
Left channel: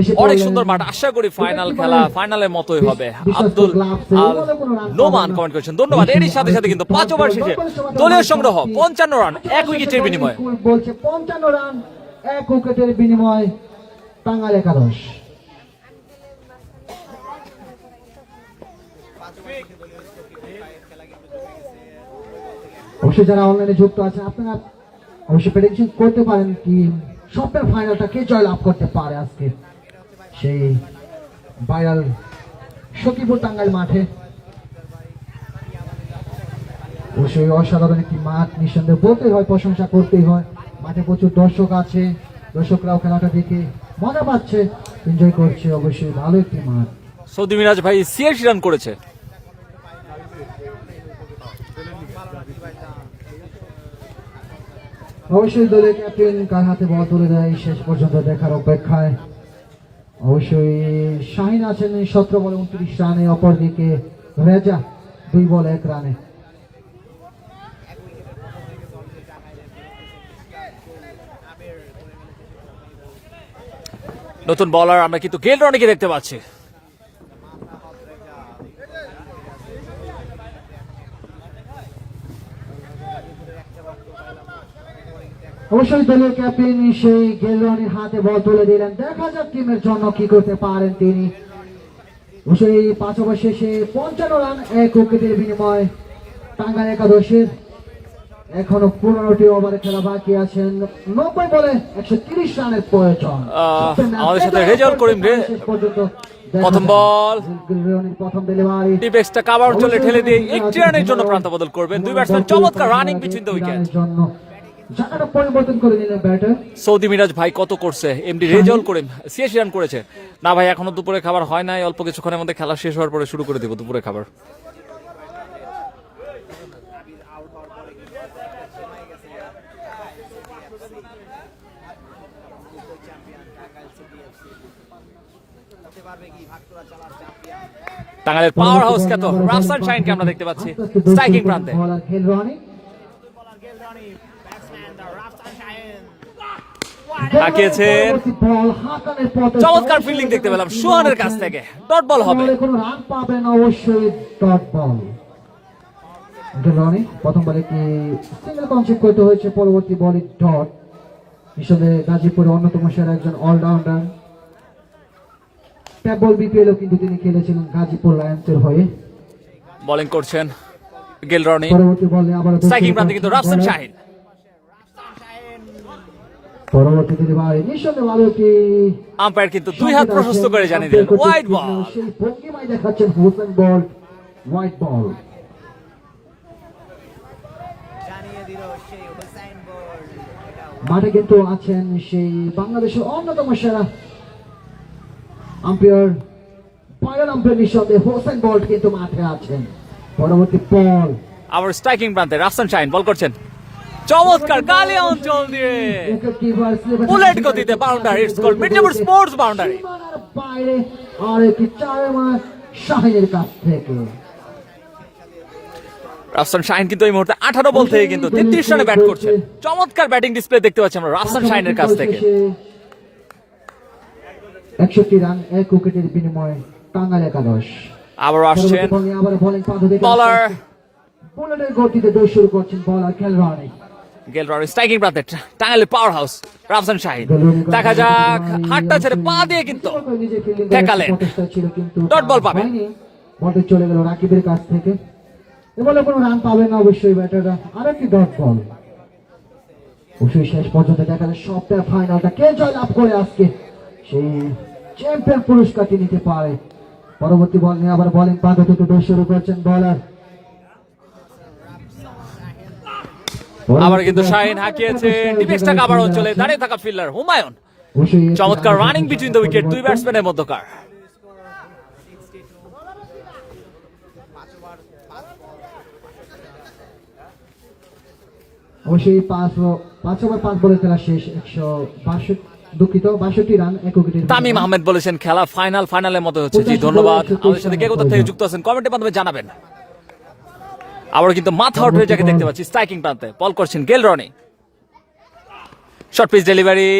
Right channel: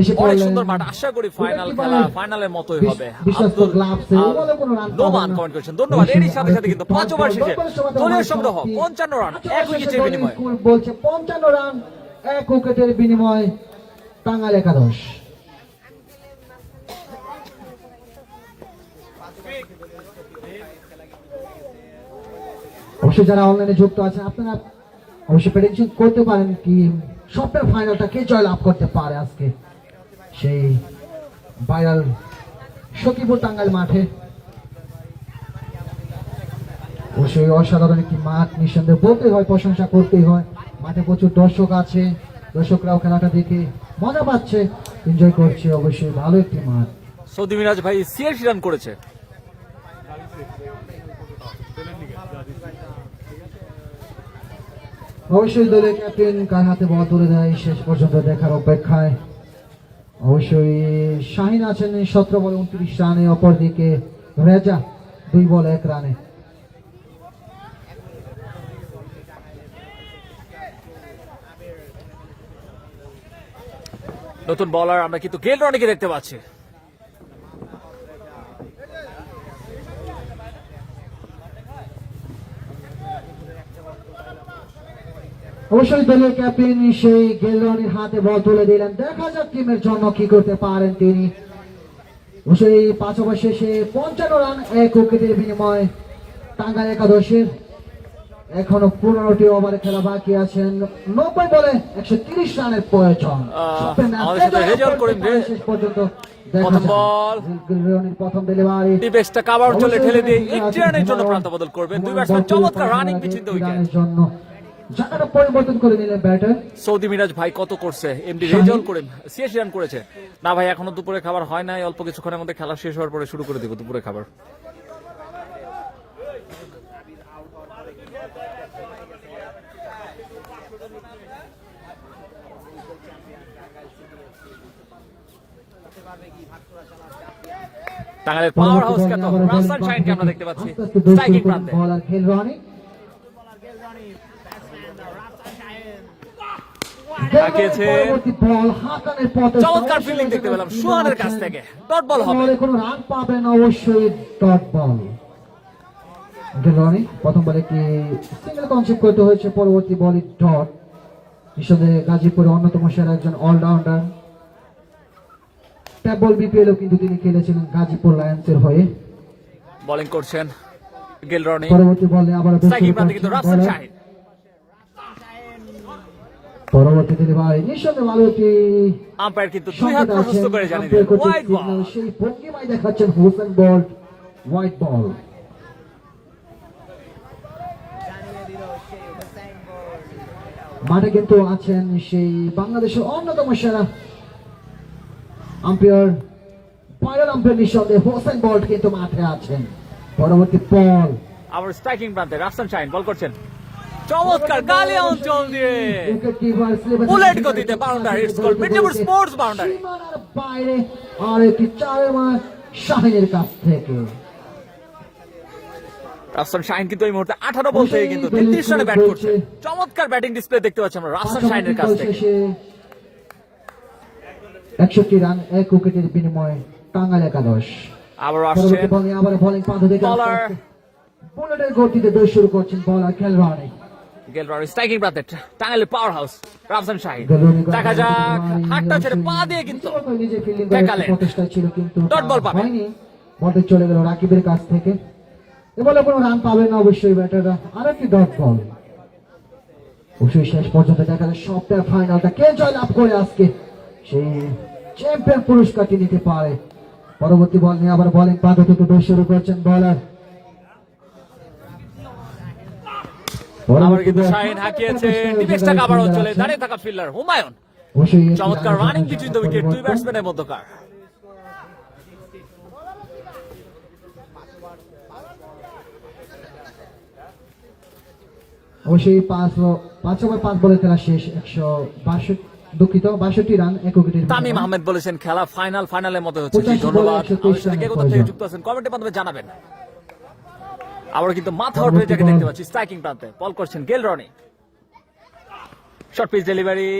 এসে অনেক পড়লেন। সুন্দর মাঠ, আশা করি ফাইনাল খেলা ফাইনালের মতোই হবে। বিশ্বস্ত আব্দুল গ্লাভস এ আল বলে কোনো রান নোমান পাবেন না। কমেন্ট করেছেন, ধন্যবাদ। এরই সাথে সাথে কিন্তু 5 ওভার শেষে দলীয় সংগ্রহ 55 রান 1 উইকেটের বিনিময়ে। বলছে 55 রান 1 উইকেটের বিনিময় টাঙ্গাইল একাদশ। অবশ্যই যারা অনলাইনে যুক্ত আছেন আপনারা অবশ্যই প্রেডিকশন করতে পারেন কি সবটা ফাইনালটা কে জয়লাভ করতে পারে আজকে সেই ভাইরাল সখীপুর টাঙ্গাইল মাঠে। অবশ্যই অসাধারণ একটি মাঠ, নিঃসন্দেহে বলতেই হয়, প্রশংসা করতেই হয়। মাঠে প্রচুর দর্শক আছে, দর্শকরাও খেলাটা দেখে মজা পাচ্ছে, এনজয় করছে। অবশ্যই ভালো একটি মাঠ। সৌদি মিরাজ ভাই 86 রান করেছে। অবশ্যই দলের ক্যাপ্টেন কার হাতে বল তুলে দেয় শেষ পর্যন্ত দেখার অপেক্ষায়। অবশ্যই শাহিন আছেন 17 বলে 29 রানে, অপরদিকে রেজা 2 বলে 1 রানে। নতুন বলার আমরা কিন্তু গেল রনিকে দেখতে পাচ্ছি। অবশ্যই দলীয় ক্যাপ্টেন সেই গেলরনির হাতে বল তুলে দিলেন, দেখা যাক টিমের জন্য কি করতে পারেন তিনি। অবশ্যই 5 ওভার শেষে 55 রান 1 উইকেটের বিনিময় টাঙ্গাইল একাদশের। এখনো 15টি ওভারে খেলা বাকি আছেন, 90 বলে 130 রানের প্রয়োজন। আমাদের সাথে রেজাল্ট করিম রে। শেষ পর্যন্ত দেখা প্রথম যাক। বল গেলরনির প্রথম ডেলিভারি, ডিপেক্সটা কাভার চলে ঠেলে দিয়ে 1 রানের জন্য প্রান্ত বদল করবেন দুই ব্যাটসম্যান। চমৎকার রানিং বিটুইন দ্য উইকেট। জন্য জায়গাটা পরিবর্তন করে নিলেন ব্যাটার। সৌদি মিরাজ ভাই কত করছে, এমডি রেজাল্ট করিম 86 রান করেছে। না ভাই এখনো দুপুরে খাবার হয় নাই, অল্প কিছুক্ষণের মধ্যে খেলা শেষ হওয়ার পরে শুরু করে দেব দুপুরে খাবার। টাঙ্গাইলের পাওয়ার হাউস খ্যাত রাফসান শাহিনকে আমরা দেখতে পাচ্ছি স্ট্রাইকিং প্রান্তে। বলার গেলরনি হাঁকিয়েছেন, চমৎকার ফিল্ডিং দেখতে পেলাম সোহানের কাছ থেকে। ডট বল হবে। কোনো রান পাবেন অবশ্যই, ডট বল। গেলরনি প্রথম বলে কি সিঙ্গেল কনসিভ করতে হয়েছে, পরবর্তী বলে ডট। নিঃসন্দেহে গাজীপুরের অন্যতম সেরা একজন অলরাউন্ডার। ট্যাপ বল বিপিএলও কিন্তু তিনি খেলেছিলেন গাজীপুর লায়ন্সের হয়ে। বোলিং করছেন গেলরনি, পরবর্তী বলে আবার স্ট্রাইকিং প্রান্তে কিন্তু রাফসান শাহিন। পরবর্তী ডেলিভারি নিঃসন্দেহে ভালো একটি আম্পায়ার কিন্তু 2 হাত প্রশস্ত করে জানিয়ে দিলেন ওয়াইড বল। সেই ভঙ্গিমায় দেখাচ্ছেন হোসেন বল, হোয়াইট বল। মাঠে কিন্তু আছেন সেই বাংলাদেশের অন্যতম সেরা আম্পায়ার, ফাইনাল আম্পায়ার নিঃসন্দেহে হোসেন বল কিন্তু মাঠে আছেন। পরবর্তী বল আবার স্ট্রাইকিং প্রান্তে রাফসান শাহিন বল করছেন, চমৎকার গালি অঞ্চল দিয়ে বুলেট গতিতে boundary. It's called midnight sports boundary. বাইরে আর একটি 4 মাস শাহিনের কাছ থেকে। রাফসান শাহিন কিন্তু এই মুহূর্তে 18 বল থেকে কিন্তু 33 রানে ব্যাট করছে। চমৎকার ব্যাটিং ডিসপ্লে দেখতে পাচ্ছি আমরা রাফসান শাহিনের কাছ থেকে। 61 রান 1 উইকেটের বিনিময়ে টাঙ্গাইল একাদশ। আবার আসছেন আবার বোলিং পাঁচ দেখে বলার বুলেটের গতিতে দৌড় শুরু করছেন বলার গেলরনি। গেলরনি স্ট্রাইকিং প্রান্তে টাঙ্গাইলের পাওয়ার হাউস রাফসান শাহিন। দেখা যাক, হাতটা ছেড়ে পা দিয়ে কিন্তু ঠেকালেন, ছিল কিন্তু ডট বল পাবে। বলটা চলে গেল রাকিবের কাছ থেকে। এ বলে কোনো রান পাবে না অবশ্যই ব্যাটাররা। আরেকটি ডট বল। অবশ্যই শেষ পর্যন্ত দেখা যায় সপ্তাহের ফাইনালটা কে জয়লাভ করে আজকে সেই চ্যাম্পিয়ন পুরস্কারটি নিতে পারে। পরবর্তী বল নিয়ে আবার বোলিং প্রান্ত থেকে বেশ শুরু করছেন বলার। আবার কিন্তু শাহিন হাঁকিয়েছেন ডিফেন্সটা কাভার অঞ্চলে দাঁড়িয়ে থাকা ফিল্ডার হুমায়ুন। চমৎকার রানিং বিটুইন দ্য উইকেট, দুই ব্যাটসম্যানের মধ্যকার। অবশ্যই 5 ওভার 5 বলে খেলা শেষ, 162 রান 1 উইকেটে। তামিম আহমেদ বলেছেন খেলা ফাইনালের মতো হচ্ছে। জি ধন্যবাদ। আমাদের সাথে কে কোথা থেকে যুক্ত আছেন কমেন্টের মাধ্যমে জানাবেন। আবার কিন্তু মাথা আউট হয়ে যাকে দেখতে পাচ্ছি স্ট্রাইকিং প্রান্তে বল করছেন গেল Rony. Short pitch delivery,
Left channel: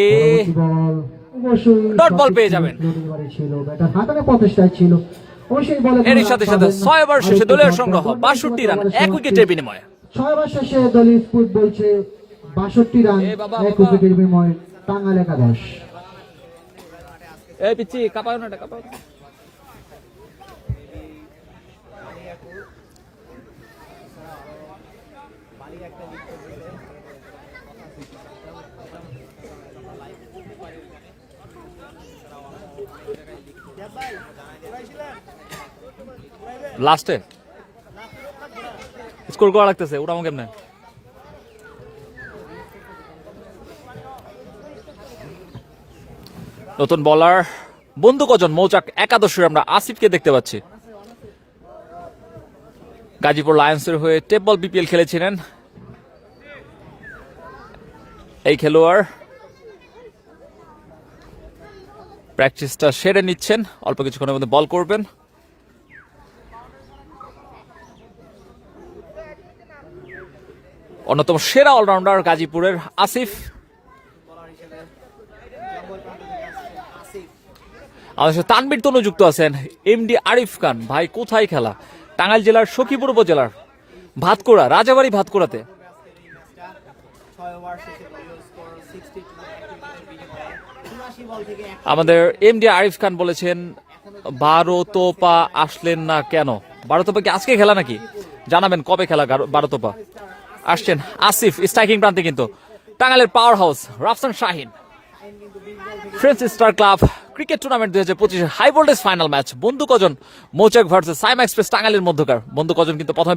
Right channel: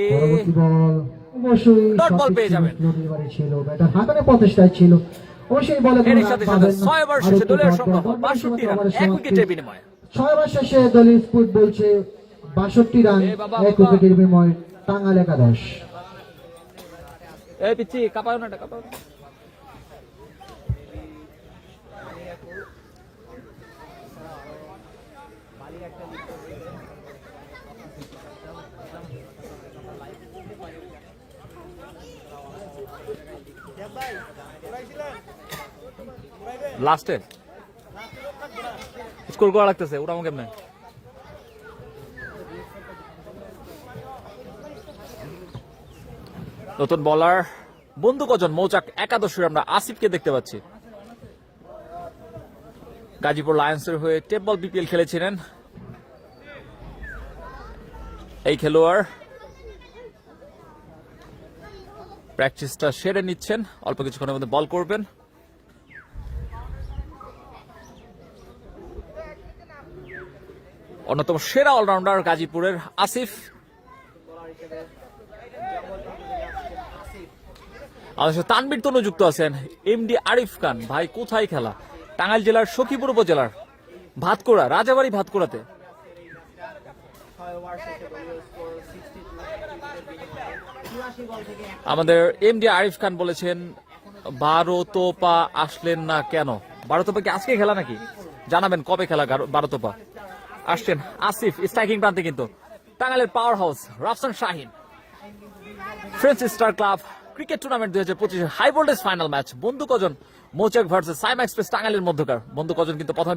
dot ball পেয়ে যাবেন। এর সাথে সাথে 6 ওভার শেষে দলীয় সংগ্রহ 62 রান 1 উইকেটের বিনিময়ে। 6 ওভার শেষে দলীয় স্কোর বলছে 62 রান 1 উইকেটের বিনিময়ে টাঙ্গাইল একাদশ। এই পিচ্ছি কাপায় না কাপায়। লাস্টে স্কোর করা লাগতেছে ওটা আমাকে কেমনে। নতুন বলার বন্ধু কজন মৌচাক একাদশের আমরা আসিফকে দেখতে পাচ্ছি। গাজীপুর লায়ন্সের হয়ে টেপ বল বিপিএল খেলেছিলেন এই খেলোয়াড়। প্র্যাকটিসটা সেরে নিচ্ছেন, অল্প কিছুক্ষণের মধ্যে বল করবেন। অন্যতম সেরা অলরাউন্ডার গাজীপুরের আসিফ। আমাদের সাথে তানবীর তনু যুক্ত আছেন। এমডি আরিফ খান ভাই কোথায় খেলা? টাঙ্গাইল জেলার সখীপুর উপজেলার ভাতকুড়া, রাজাবাড়ি ভাতকুড়াতে। আমাদের এমডি আরিফ খান বলেছেন 12 তোপা আসলেন না কেন? 12 তোপা কি আজকে খেলা নাকি? জানাবেন কবে খেলা 12 তোপা। আসছেন আসিফ স্ট্রাইকিং প্রান্তে কিন্তু টাঙ্গাইলের power house Rafsan Shahin. Friends star club cricket Tournament 2025 high voltage final match বন্ধু কজন মৌচাক ভার্সেস সাইমা এক্সপ্রেস টাঙ্গাইলের মধ্যকার। বন্ধু কজন কিন্তু প্রথমে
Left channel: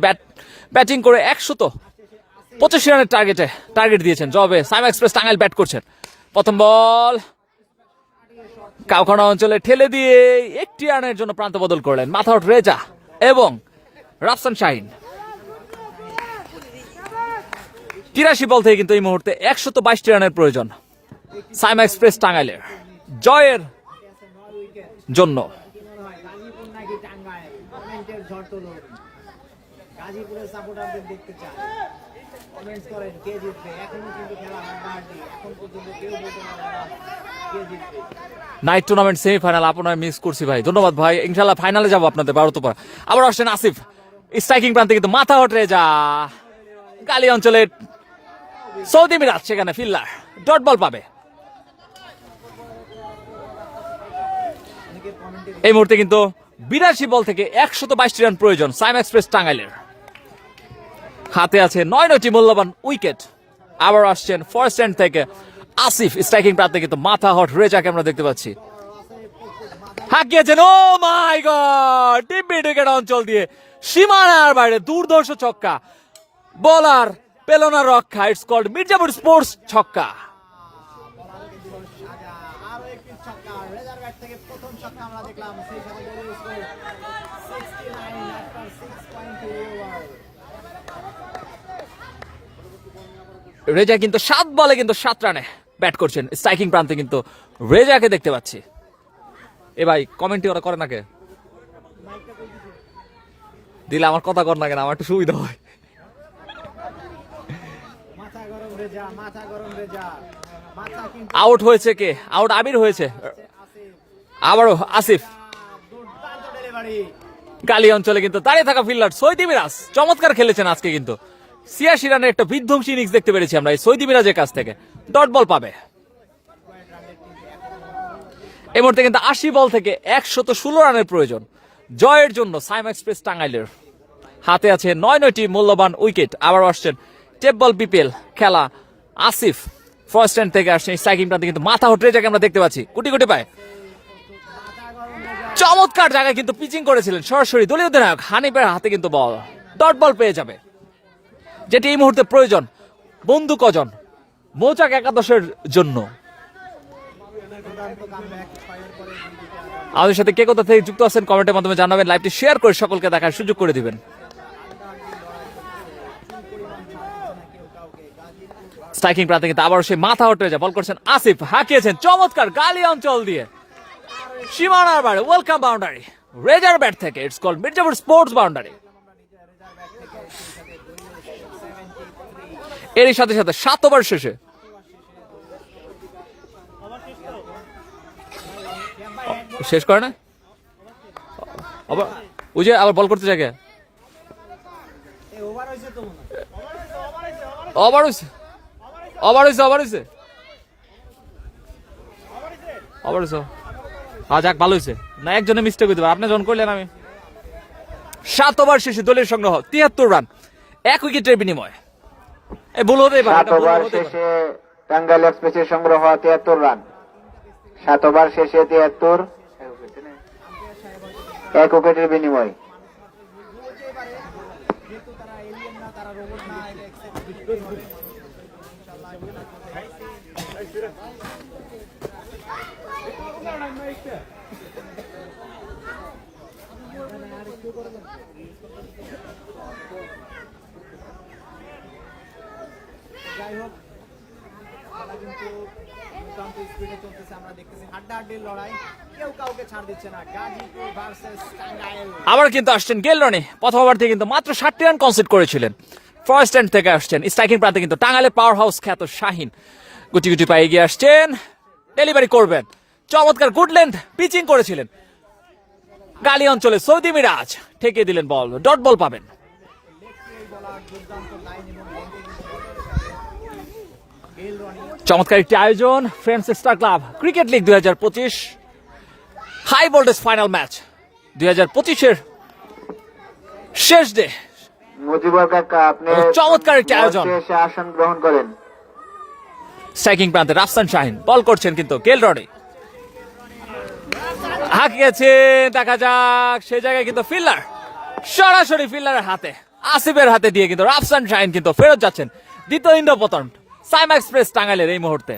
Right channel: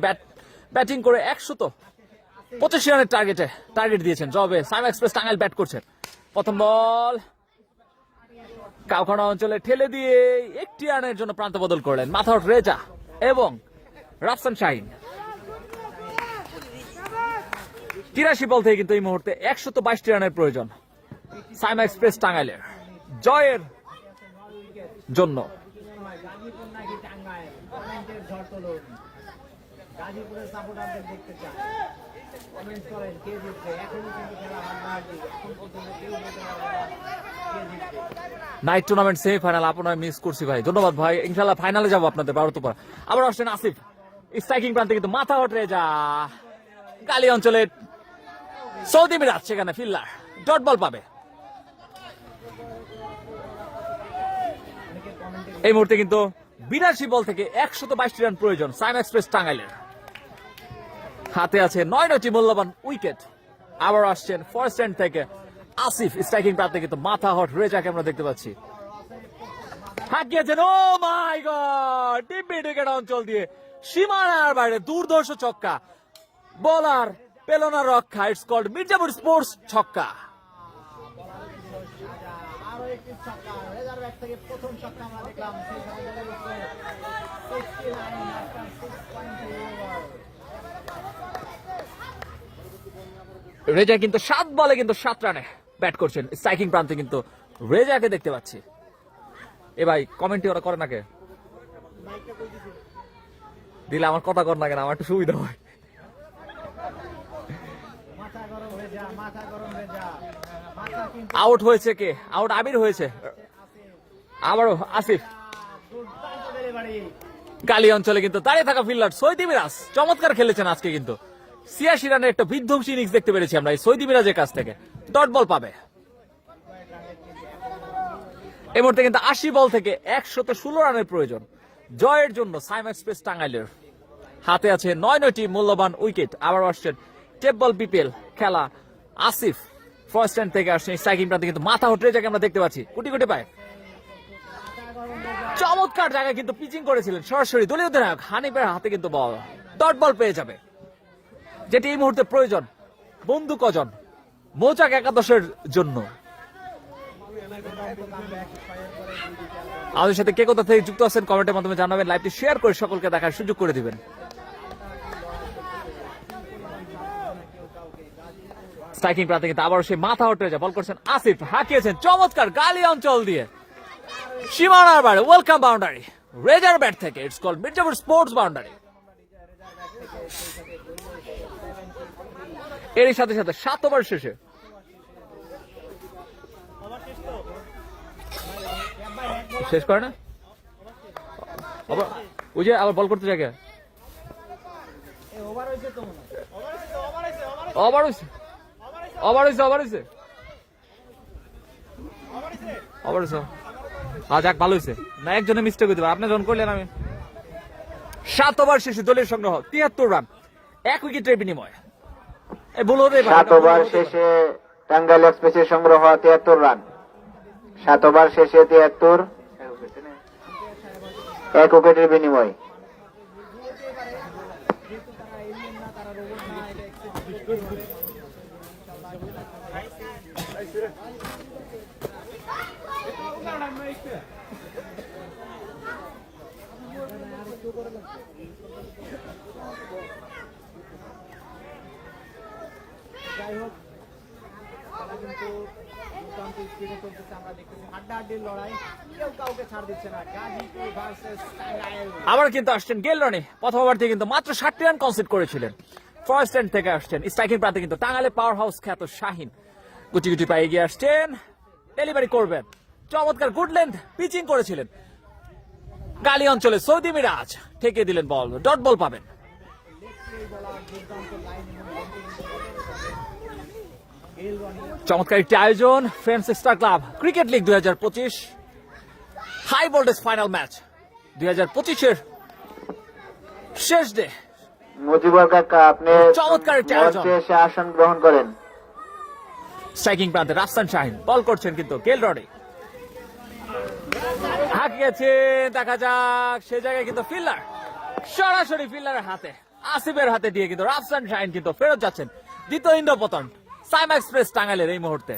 ব্যাটিং করে 125 রানের টার্গেট দিয়েছেন। জবাবে সাইমা এক্সপ্রেস টাঙ্গাইল ব্যাট করছেন। প্রথম বল কাউখানা অঞ্চলে ঠেলে দিয়ে 1 রানের জন্য প্রান্ত বদল করলেন মাথা আউট রেজা এবং রাফসান শাহিন। 83 বল থেকে কিন্তু এই মুহূর্তে 122 রানের প্রয়োজন সাইমা এক্সপ্রেস টাঙ্গাইলের জয়ের জন্য। নাইট টুর্নামেন্ট সেমিফাইনাল আপনার মিস করছি ভাই, ধন্যবাদ ভাই। ইনশাল্লাহ ফাইনালে যাবো আপনাদের 12 তোপা। আবার আসছেন আসিফ স্ট্রাইকিং প্রান্তে কিন্তু মাথা আউট রেজা। গালি অঞ্চলে সৌদি মিরাজ সেখানে ফিল্ডার ডট বল পাবে। এই মুহূর্তে কিন্তু 82 বল থেকে 122 রান প্রয়োজন সাইম এক্সপ্রেস টাঙ্গাইলের। হাতে আছে 9টি মূল্যবান উইকেট। আবার আসছেন ফার্স্ট এন্ড থেকে আসিফ স্ট্রাইকিং প্রান্তে কিন্তু মাথা হট রেজাকে আমরা দেখতে পাচ্ছি। হাঁকিয়েছেন, ও মাই গড, ডিপ মিড উইকেট অঞ্চল দিয়ে সীমানার বাইরে দুর্ধর্ষ ছক্কা। বলার পেল না রক্ষা। ইটস কল্ড মির্জাপুর স্পোর্টস ছক্কা। রেজা কিন্তু 7 বলে কিন্তু 7 রানে ব্যাট করছেন স্ট্রাইকিং প্রান্তে কিন্তু রেজাকে দেখতে পাচ্ছি। এ ভাই কমেন্টই ওরা করে না কে দিলে আমার কথা কর না কেন, আমার একটু সুবিধা হয়। আউট হয়েছে কে? আউট আবির হয়েছে। আবারও আসিফ। গালি অঞ্চলে কিন্তু দাঁড়িয়ে থাকা ফিল্ডার সৌদি মিরাজ চমৎকার খেলেছেন আজকে কিন্তু 86 রানের একটা বিধ্বংসী ইনিংস দেখতে পেরেছি আমরা এই সৌদি মিরাজের কাছ থেকে। ডট বল পাবে। এই মুহূর্তে কিন্তু 80 বল থেকে 116 রানের প্রয়োজন জয়ের জন্য সাইম এক্সপ্রেস টাঙ্গাইলের। হাতে আছে 9টি মূল্যবান উইকেট। আবার আসছেন টেপ বল বিপিএল খেলা আসিফ ফার্স্ট হ্যান্ড থেকে আসছে স্ট্রাইকিং প্রান্তে কিন্তু মাথা হটরে যাকে আমরা দেখতে পাচ্ছি কোটি কোটি পায় চমৎকার জায়গায় কিন্তু পিচিং করেছিলেন সরাসরি দলীয় অধিনায়ক হানিফের হাতে কিন্তু বল ডট বল পেয়ে যাবে যেটি এই মুহূর্তে প্রয়োজন বন্ধু কজন মৌচাক একাদশের জন্য। আমাদের সাথে কে কোথা থেকে যুক্ত আছেন কমেন্টের মাধ্যমে জানাবেন, লাইভটি শেয়ার করে সকলকে দেখার সুযোগ করে দিবেন। স্ট্রাইকিং প্রান্তে কিন্তু আবার সেই মাথা হটে যায় বল করছেন আসিফ, হাঁকিয়েছেন চমৎকার গালি অঞ্চল দিয়ে সীমানার বাইরে ওয়েলকাম বাউন্ডারি রেজার ব্যাট থেকে, it's called Mirzapur sports boundary. এরই সাথে সাথে 7 ওভার শেষে শেষ করে না ওই যে আবার বল করতে জায়গা ওভার হয়েছে ওভার হয়েছে ওভার হয়েছে ওভার হয়েছে যাক ভালো হয়েছে না একজনে মিস্টেক হইতে পারে আপনি যখন করলেন আমি 7 ওভার শেষে দলের সংগ্রহ 73 রান 1 উইকেটের বিনিময়ে এই ভুল হতেই পারে 7 ওভার শেষে টাঙ্গাইল এক্সপ্রেসের সংগ্রহ 73 রান 7 ওভার শেষে 73 1 উইকেটের বিনিময়। যাই হোক খেলা কিন্তু দুর্দান্ত স্পিডে চলতেছে, আমরা দেখতেছি হাড্ডাহাড্ডির লড়াই, কেউ কাউকে ছাড় দিচ্ছে না। গাজীপুর ভার্সেস টাঙ্গাইল। আবার কিন্তু আসছেন গেল রানে, প্রথম ওভার থেকে কিন্তু মাত্র 60 রান কনসিড করেছিলেন। ফার্স্ট হ্যান্ড থেকে আসছেন স্ট্রাইকিং প্রান্তে কিন্তু টাঙ্গাইলের পাওয়ার হাউস খ্যাত শাহিন গুটি গুটি পায়ে এগিয়ে আসছেন, ডেলিভারি করবেন চমৎকার গুড লেন্থ পিচিং করেছিলেন গালি অঞ্চলে সৌদি মিরাজ ঠেকে দিলেন বল, ডট বল পাবেন। চমৎকার একটি আয়োজন friends star club cricket league 2025 high voltage final match 2025-এর শেষ ডে। মুজিবুর কাকা আপনি চমৎকার একটি আয়োজন। এসে আসন গ্রহণ করেন। স্ট্রাইকিং প্রান্তে রাফসান শাহিন বল করছেন কিন্তু গেল রডে হাঁকিয়েছেন, দেখা যাক সেই জায়গায় কিন্তু ফিল্ডার সরাসরি ফিল্ডারের হাতে আসিফের হাতে দিয়ে কিন্তু রাফসান শাহিন কিন্তু ফেরত যাচ্ছেন দ্বিতীয় ইন্দ্রপতন সাইমা এক্সপ্রেস টাঙ্গাইলের এই মুহূর্তে।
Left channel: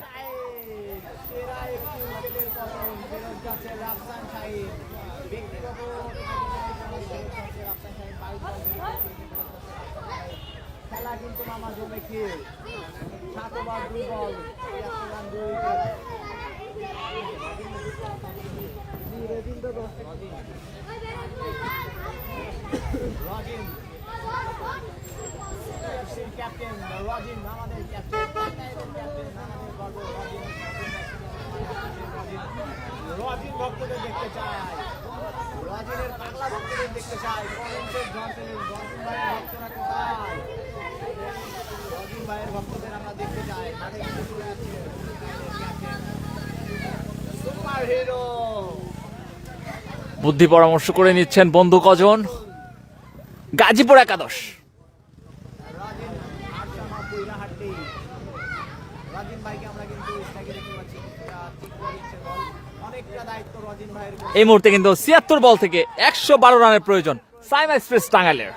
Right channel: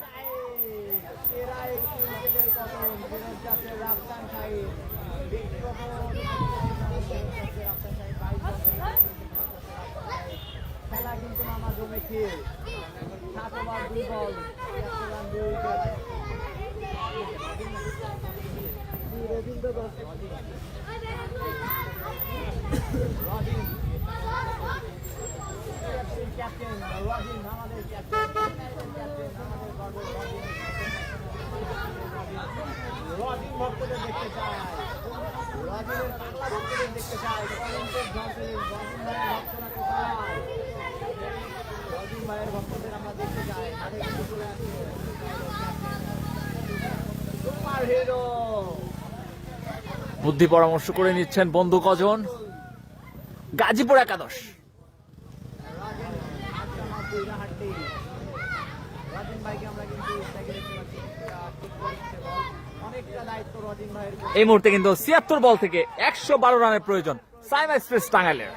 বুদ্ধি পরামর্শ করে নিচ্ছেন বন্ধু কজন গাজীপুর একাদশ। এই মুহূর্তে কিন্তু 76 বল থেকে 112 রানের প্রয়োজন সাইমা এক্সপ্রেস টাঙ্গাইলের।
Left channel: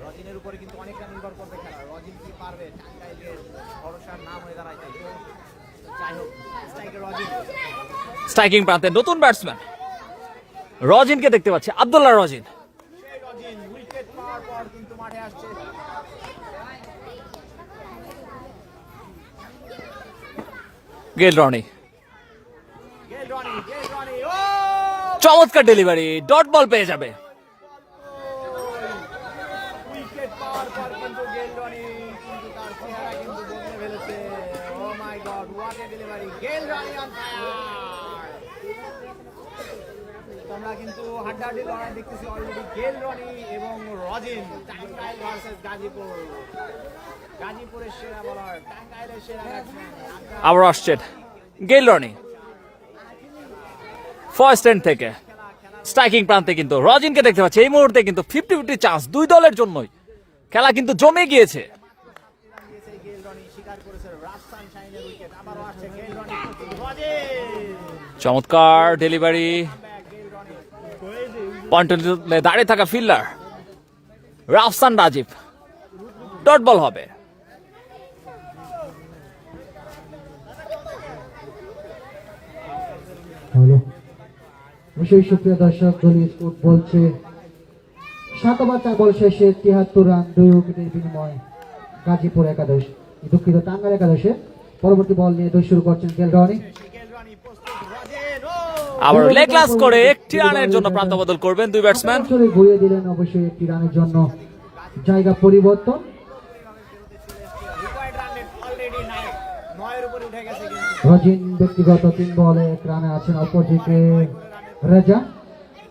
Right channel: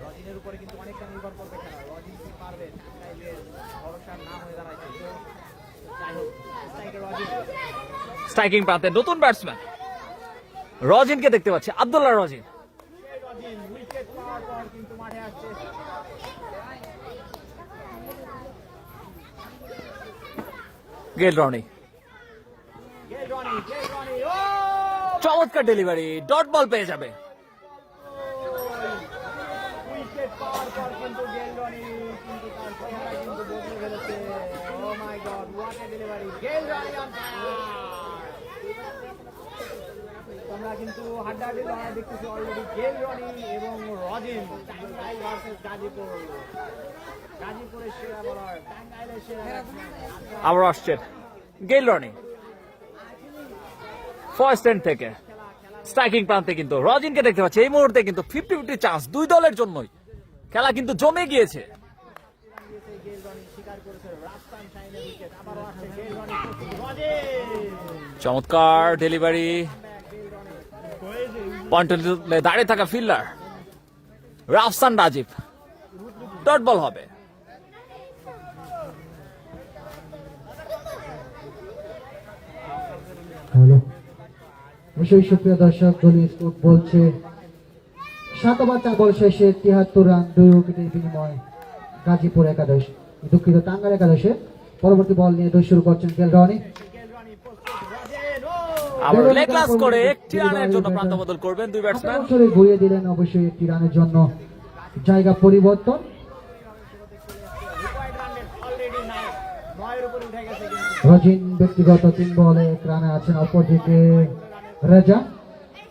রজিনের উপরে কিন্তু অনেকটা নির্ভর করবে খেলা, রজিন কি পারবে টাঙ্গাইলের ভরসার নাম হয়ে দাঁড়ায়। যাই হোক স্ট্রাইকিং প্রান্তে নতুন ব্যাটসম্যান রজিনকে দেখতে পাচ্ছে, আব্দুল্লাহ রজিন। উইকেট পাওয়ার পর কিন্তু মাঠে আসছে গেল রনি চমৎকার ডেলিভারি ডট বল পেয়ে যাবে। তোমরা কিন্তু হাড্ডাহাড্ডি লড়াই দেখতেছি অলরেডি গেল রনি এবং রজিন টাঙ্গাইল ভার্সেস গাজীপুর। গাজীপুরের সেরা বলার, টাঙ্গাইলের সেরা ব্যাটসম্যান। আবার আসছেন গেইল রনি ফার্স্ট এন্ড থেকে স্ট্রাইকিং প্রান্তে কিন্তু রজিনকে দেখতে পাচ্ছি এই মুহূর্তে কিন্তু 50-50 চান্স দুই দলের জন্যই। খেলা কিন্তু জমে গিয়েছে। গেল রনি স্বীকার করেছে রাজস্থান শাইনের উইকেট। আবারও আসছে গেল রনি, রজিন চমৎকার ডেলিভারি, পয়েন্টে দাঁড়িয়ে থাকা fielder Rafsan Rajib, dot ball হবে। হ্যালো, অবশ্যই সুপ্রিয় দর্শক, দলীয় স্কোর বলছে 7 ওভার 4 বল শেষে 73 রান 2 উইকেটের বিনিময়ে গাজীপুর একাদশ, দুঃখিত টাঙ্গাইল একাদশের। পরবর্তী বল নিয়ে দৌড় শুরু করছেন গেল রনি। আবার লেগ ক্লাস করে একটি রানের জন্য প্রান্ত বদল করবেন দুই ব্যাটসম্যান। সরে ঘুরিয়ে দিলেন, অবশ্যই একটি রানের জন্য জায়গা পরিবর্তন। অলরেডি 9 উপরে উঠে গেছে কিন্তু। রজিন ব্যক্তিগত 3 বলে 1 রানে আছেন, অপরদিকে রেজা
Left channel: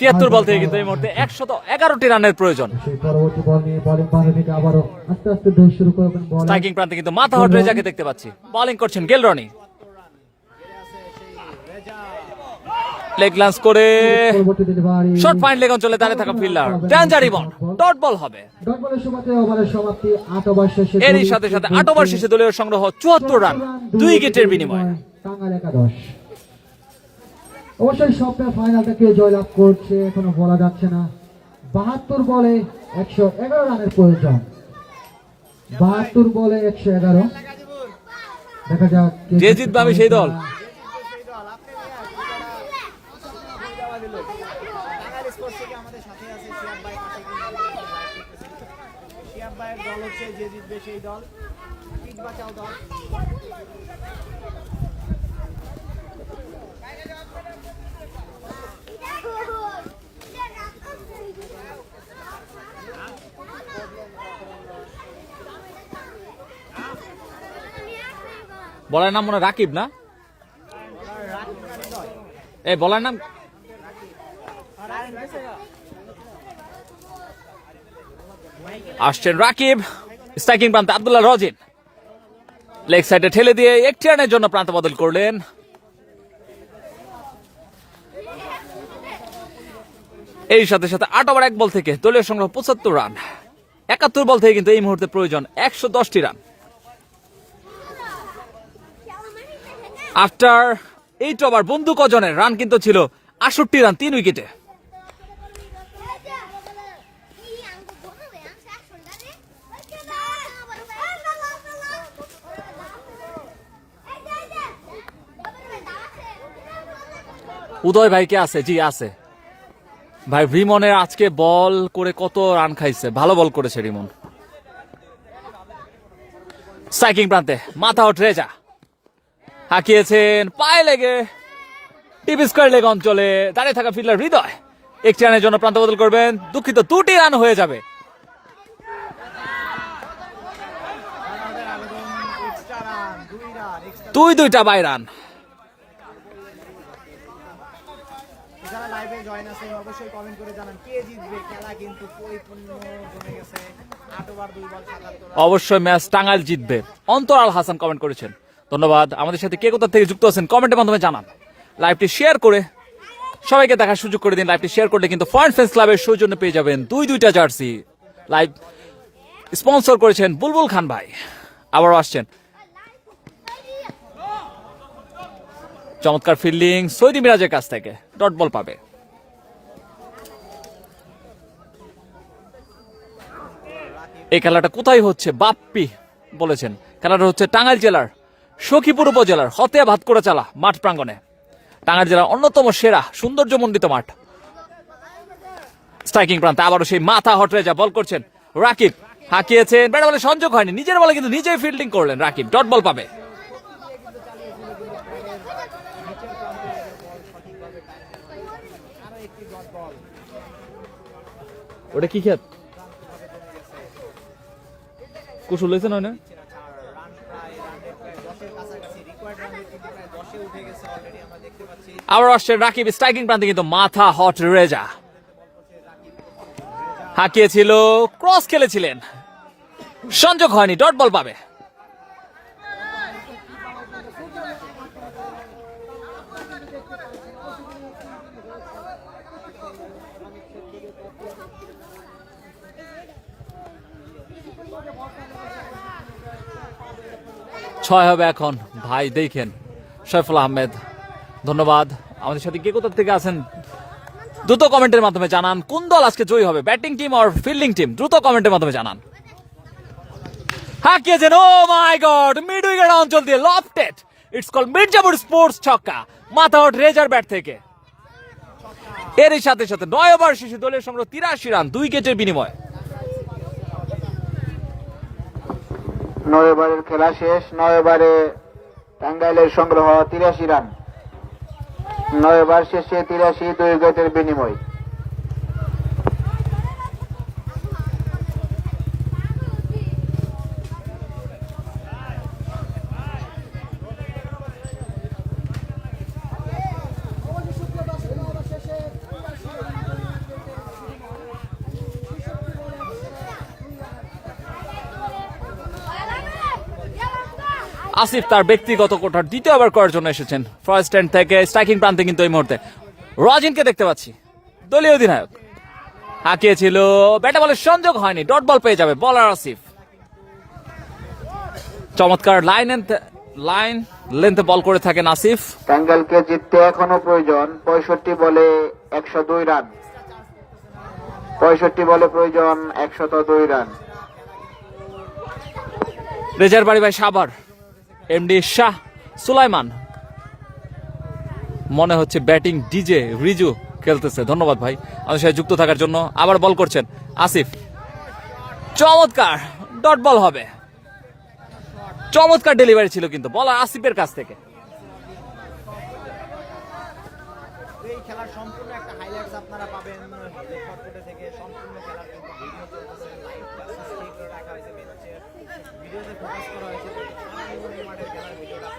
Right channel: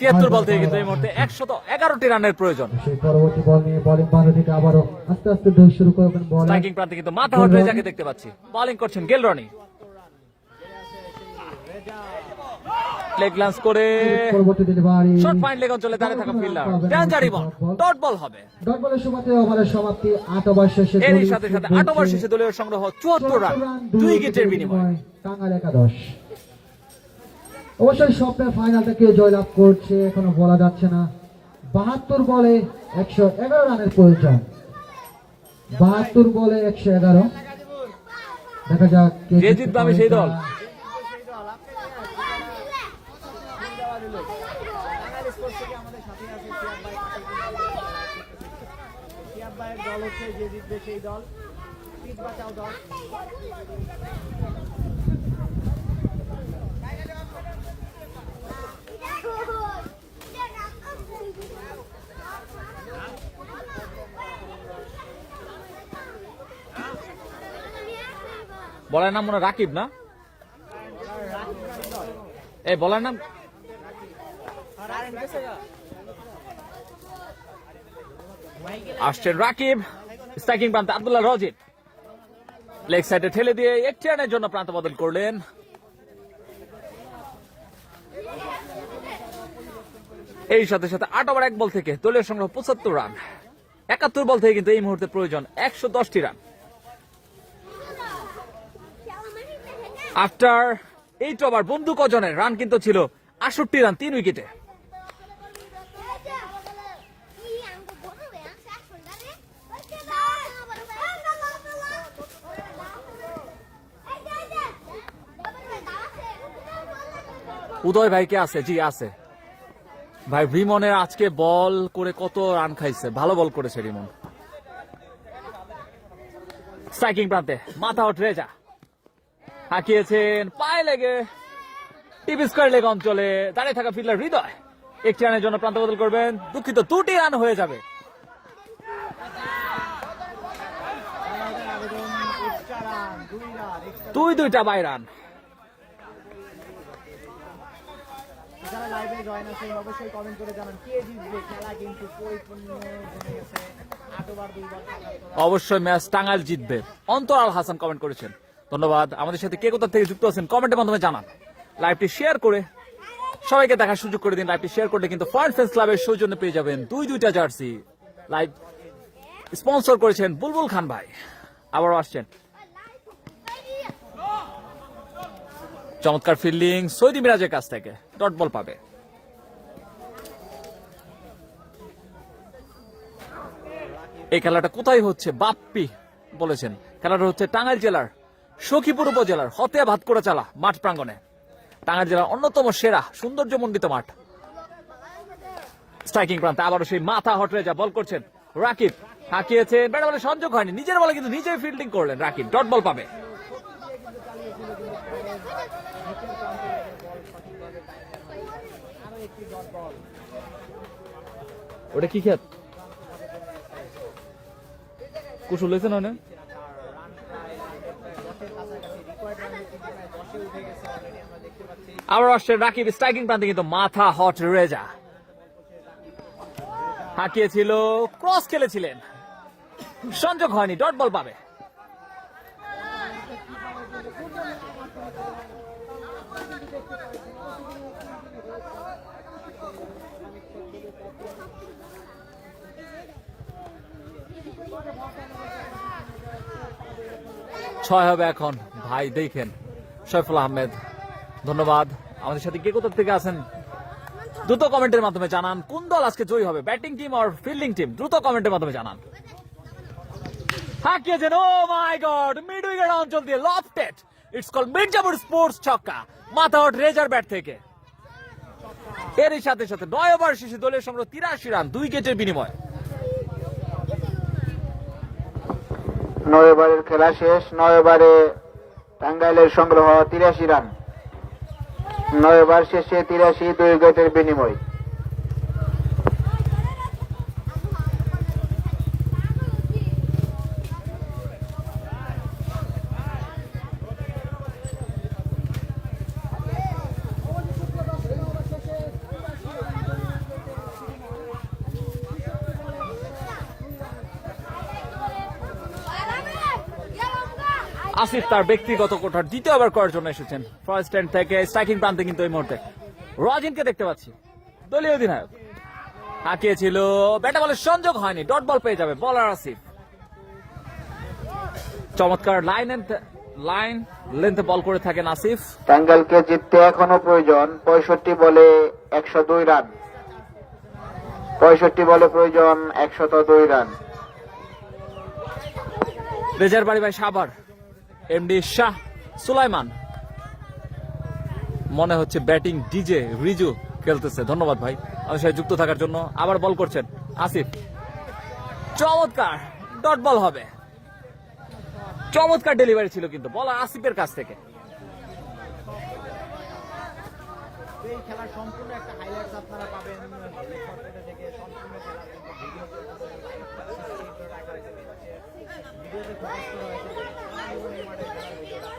73 বল থেকে কিন্তু এই মুহূর্তে 111টি রানের প্রয়োজন। সেই পরবর্তী বল নিয়ে বোলিং বাঁধা থেকে আবারও আস্তে আস্তে দৌড় শুরু করবেন বল। স্ট্রাইকিং প্রান্তে কিন্তু মাথা হট রেজাকে দেখতে পাচ্ছি, বোলিং করছেন গেল রনি। লেগ লান্স করে পরবর্তী ডেলিভারি শর্ট পয়েন্ট লেগ অঞ্চলে দাঁড়িয়ে থাকা ফিল্ডার ডেঞ্জারি বল, ডট বল হবে। ডট বলের সমাপ্তি, ওভারের সমাপ্তি 8 ওভার শেষে। এরই সাথে সাথে 8 ওভার শেষে দলীয় সংগ্রহ 74 রান 2 উইকেটের বিনিময়ে। টাঙ্গাইল একাদশ অবশ্যই স্বপ্নের ফাইনালটা কে জয়লাভ করছে এখনো বলা যাচ্ছে না। 72 বলে 111 রানের প্রয়োজন, 72 বলে 111। দেখা যাক যে জিতবে আমি সেই দল। যে জিতবে সেই দল, পিঠ বাঁচাও দল। বলার নাম মনে রাকিব না? এই বলার নাম আসছেন রাকিব। স্ট্রাইকিং প্রান্তে আব্দুল্লাহ রজিন লেগ সাইডে ঠেলে দিয়ে একটি রানের জন্য প্রান্ত বদল করলেন। এই সাথে সাথে 8 ওভার 1 বল থেকে দলীয় সংগ্রহ 75 রান। 71 বল থেকে কিন্তু এই মুহূর্তে প্রয়োজন 110টি রান। আফটার 8 ওভার বন্ধু কজনের রান কিন্তু ছিল 68 রান 3 উইকেটে। উদয় ভাই কে আছে? জি আছে ভাই। রিমনের আজকে বল করে কত রান খাইছে, ভালো বল করেছে রিমন। স্ট্রাইকিং প্রান্তে মাথা হট রেজা হাঁকিয়েছেন পায়ে লেগে টিপ স্কোয়ার লেগ অঞ্চলে দাঁড়িয়ে থাকা ফিল্ডার হৃদয় একটি রানের জন্য প্রান্ত বদল করবেন। দুঃখিত, 2টি রান হয়ে যাবে। দুইটা বাই রান। যারা লাইভে জয়েন আছেন অবশ্যই কমেন্ট করে জানান কে জিতবে। খেলা কিন্তু পরিপূর্ণ জমে গেছে। 8 ওভার 2 বল 77। অবশ্যই ম্যাচ টাঙ্গাইল জিতবে। অন্তরাল হাসান কমেন্ট করেছেন, ধন্যবাদ। আমাদের সাথে কে কোথা থেকে যুক্ত আছেন কমেন্টের মাধ্যমে জানান। লাইভটি শেয়ার করে সবাইকে দেখার সুযোগ করে দিন। লাইভটি শেয়ার করলে কিন্তু ফরেন ফ্যান্স ক্লাবের সৌজন্য পেয়ে যাবেন 2টা জার্সি। লাইভ স্পন্সর করেছেন বুলবুল খান ভাই। আবারও আসছেন চমৎকার ফিল্ডিং সৈদি মিরাজের কাছ থেকে, ডট বল পাবে। এই খেলাটা কোথায় হচ্ছে? বাপ্পি বলেছেন খেলাটা হচ্ছে টাঙ্গাইল জেলার সখীপুর উপজেলার হতিয়া ভাতকুড়া চালা মাঠ প্রাঙ্গণে। টাঙ্গাইল জেলার অন্যতম সেরা সৌন্দর্যমণ্ডিত মাঠ। স্ট্রাইকিং প্রান্তে আবারও সেই মাথা হট রেজা বল করছেন রাকিব, হাঁকিয়েছেন, ব্যাট বলে সংযোগ হয়নি, নিজের বলে কিন্তু নিজেই ফিল্ডিং করলেন রাকিব, ডট বল পাবে। ওটা কি খেত কুশল লেছে না? আবার আসছেন রাকিব স্ট্রাইকিং প্রান্তে কিন্তু মাথা হট রেজা হাঁকিয়েছিল, ক্রস খেলেছিলেন, সংযোগ হয়নি, ডট বল পাবে। ছয় হবে এখন ভাই, দেখেন সৈফুল আহমেদ, ধন্যবাদ। আমাদের সাথে কে কোথা থেকে আছেন দ্রুত কমেন্টের মাধ্যমে জানান, কোন দল আজকে জয়ী হবে, ব্যাটিং টিম আর ফিল্ডিং টিম, দ্রুত কমেন্টের মাধ্যমে জানান। হাঁকিয়েছেন, ও মাই গড, মিড উইকেট অঞ্চল দিয়ে lofted, it's call Mirzapur sports ছক্কা, মাথা আউট রেজার ব্যাট থেকে। এরই সাথে সাথে 9 ওভার শেষে দলের সংগ্রহ 83 রান, 2 উইকেটের বিনিময়ে। 9 ওভারের খেলা শেষ। 9 ওভারে টাঙ্গাইলের সংগ্রহ 83 রান। 9 ওভার শেষে 83, 2 উইকেটের বিনিময়। আসিফ তার ব্যক্তিগত কোঠার দ্বিতীয় ওভার করার জন্য এসেছেন ফার্স্ট স্ট্যান্ড থেকে। স্ট্রাইকিং প্রান্তে কিন্তু এই মুহূর্তে রাজিনকে দেখতে পাচ্ছি, দলীয় অধিনায়ক। হাঁকিয়েছিল, ব্যাটে বলে সংযোগ হয়নি, ডট বল পেয়ে যাবে বলার আসিফ। চমৎকার লাইন লেন্থে বল করে থাকেন আসিফ। টাঙ্গাইলকে জিততে এখনো প্রয়োজন 65 বলে 102 রান। 65 বলে প্রয়োজন 102 রান। রেজার বাড়ি ভাই সাভার, এমডি শাহ সুলাইমান, মনে হচ্ছে ব্যাটিং ডিজে রিজু খেলতেছে। ধন্যবাদ ভাই আমাদের সাথে যুক্ত থাকার জন্য। আবার বল করছেন আসিফ, চমৎকার, ডট বল হবে। চমৎকার ডেলিভারি ছিল কিন্তু বলার আসিফের কাছ থেকে। এই খেলার সম্পূর্ণ একটা হাইলাইটস আপনারা পাবেন ফটোটা থেকে। সম্পূর্ণ খেলার কিন্তু ভিডিও চলতেছে, লাইভ সিস্টেম করে রাখা হয়েছে ম্যাচের ভিডিওতে ফোকাস করা হয়েছে। এই মাঠের খেলার ভিডিওটা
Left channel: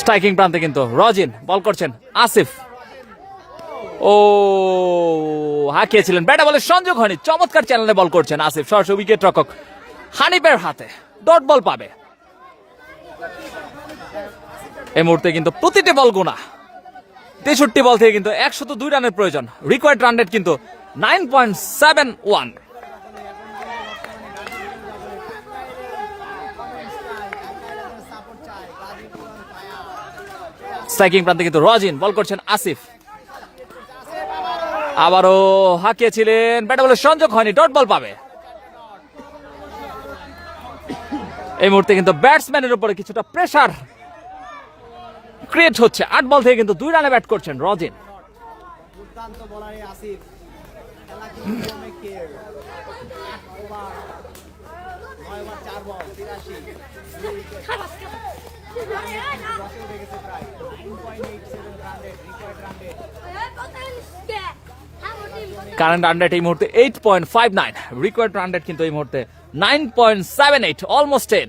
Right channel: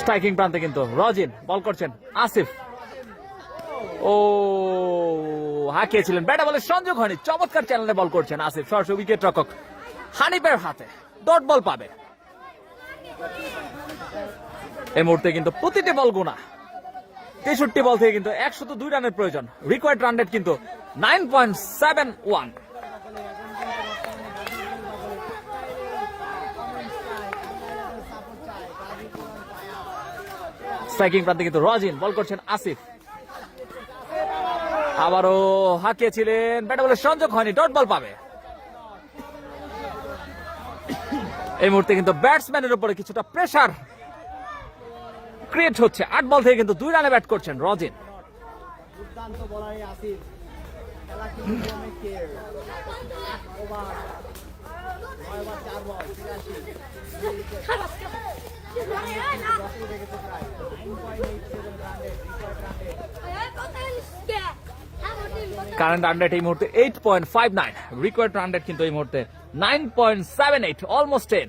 স্ট্রাইকিং প্রান্তে কিন্তু রাজিন বল করছেন আসিফ। ও হাঁকিয়েছিলেন, ব্যাটে বলে সংযোগ হয়নি, চমৎকার চ্যানেলে বল করছেন আসিফ। সরাসরি উইকেট রক্ষক হানিফের হাতে ডট বল পাবে। এই মুহূর্তে কিন্তু প্রতিটি বল গুণা, 63 বল থেকে কিন্তু 102 রানের প্রয়োজন। রিকোয়ার্ড রান রেট কিন্তু 9.71। স্ট্রাইকিং প্রান্তে কিন্তু রাজিন বল করছেন আসিফ। আবারও হাঁকিয়েছিলেন, ব্যাটে বলে সংযোগ হয়নি, ডট বল পাবে। এই মুহূর্তে কিন্তু ব্যাটসম্যানের উপরে কিছুটা প্রেসার ক্রিয়েট হচ্ছে। 8 বল থেকে কিন্তু 2 রানে ব্যাট করছেন রাজিন। দুর্দান্ত বলারই আসিফ। খেলা কিন্তু অনেকের 8 ওভার 9 ওভার 4 বল 83 কারেন্ট রান রেট এই মুহূর্তে 8.59, রিকোয়ার্ড রান রেট কিন্তু এই মুহূর্তে 9.78, অলমোস্ট 10।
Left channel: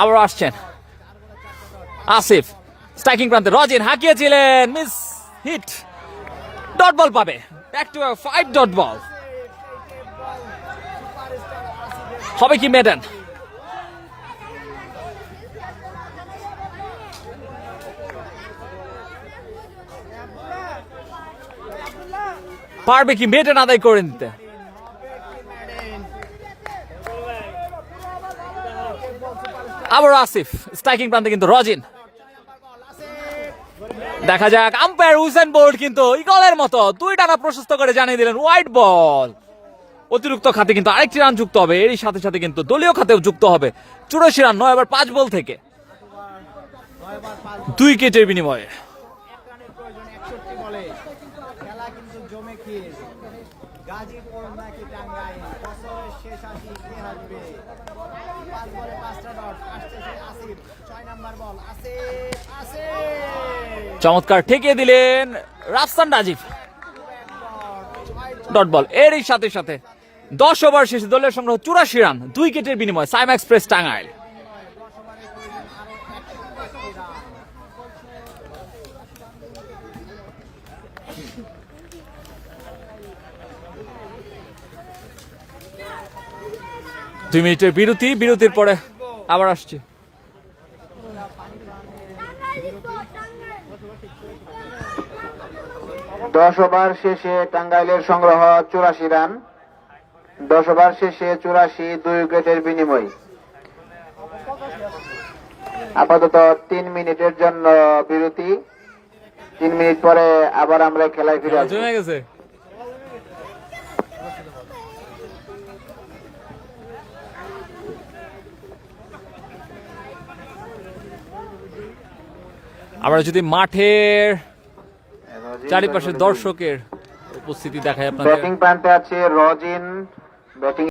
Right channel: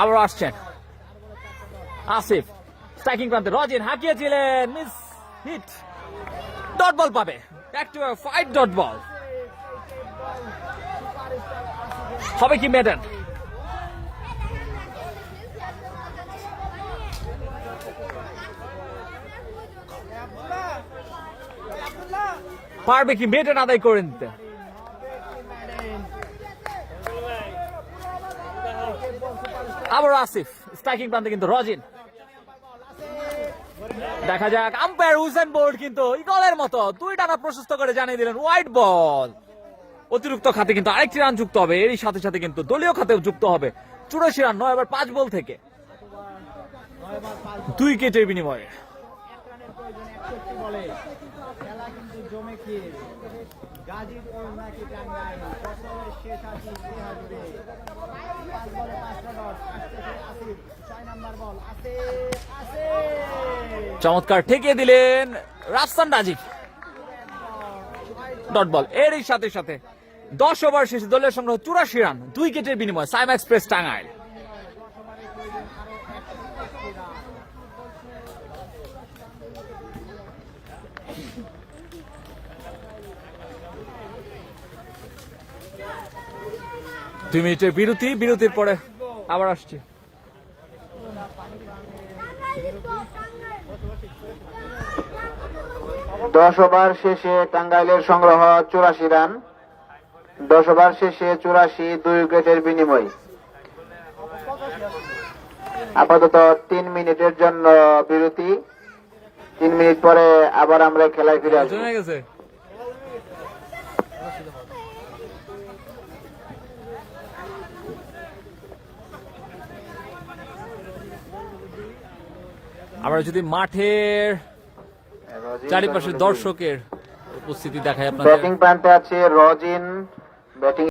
আবার আসছেন আসিফ, স্ট্রাইকিং প্রান্তে রাজিন হাঁকিয়েছিলেন, মিস হিট, ডট বল পাবে। ব্যাক টু 5 ডট বল হবে কি মেডেন? পারবে কি মেডেন আদায় করে নিতে? আবার আসিফ, স্ট্রাইকিং প্রান্তে কিন্তু রাজিন। দেখা যাক, আম্পায়ার হুসেন বোল্ট কিন্তু ইগলের মতো 2 ডানা প্রশস্ত করে জানিয়ে দিলেন হোয়াইট বল। অতিরিক্ত খাতে কিন্তু আরেকটি রান যুক্ত হবে, এরই সাথে সাথে কিন্তু দলীয় খাতেও যুক্ত হবে 84 রান 9 ওভার 5 বল থেকে 2 উইকেটের বিনিময়ে। খেলা কিন্তু জমে খেয়েছে। গাজীপুর নাকি টাঙ্গাইল, বছরের শেষ আসি কে আসবে? 5 বলে 5টা ডট আসছে আসিফ। 6 নাম্বার বল আসিফ। চমৎকার ঠেকিয়ে দিলেন রাফসান রাজীব, ডট বল। এরই সাথে সাথে 10 ওভার শেষে দলীয় সংগ্রহ 84 রান 2 উইকেটের বিনিময়ে সাইমা এক্সপ্রেস টাঙ্গাইল। 2 মিনিটের বিরতি, বিরতির পরে আবার আসছি। দশ ওভার শেষে টাঙ্গাইলের সংগ্রহ 84 রান। 10 ওভার শেষে 84, 2 উইকেটের বিনিময়। আপাতত 3 মিনিটের জন্য বিরতি। 3 মিনিট পরে আবার আমরা খেলায় ফিরে আসবো। জমে গেছে। আমরা যদি মাঠের চারিপাশে দর্শকের উপস্থিতি দেখাই আপনাদের। ব্যাটিং প্রান্তে আছে রজিন, ব্যাটিং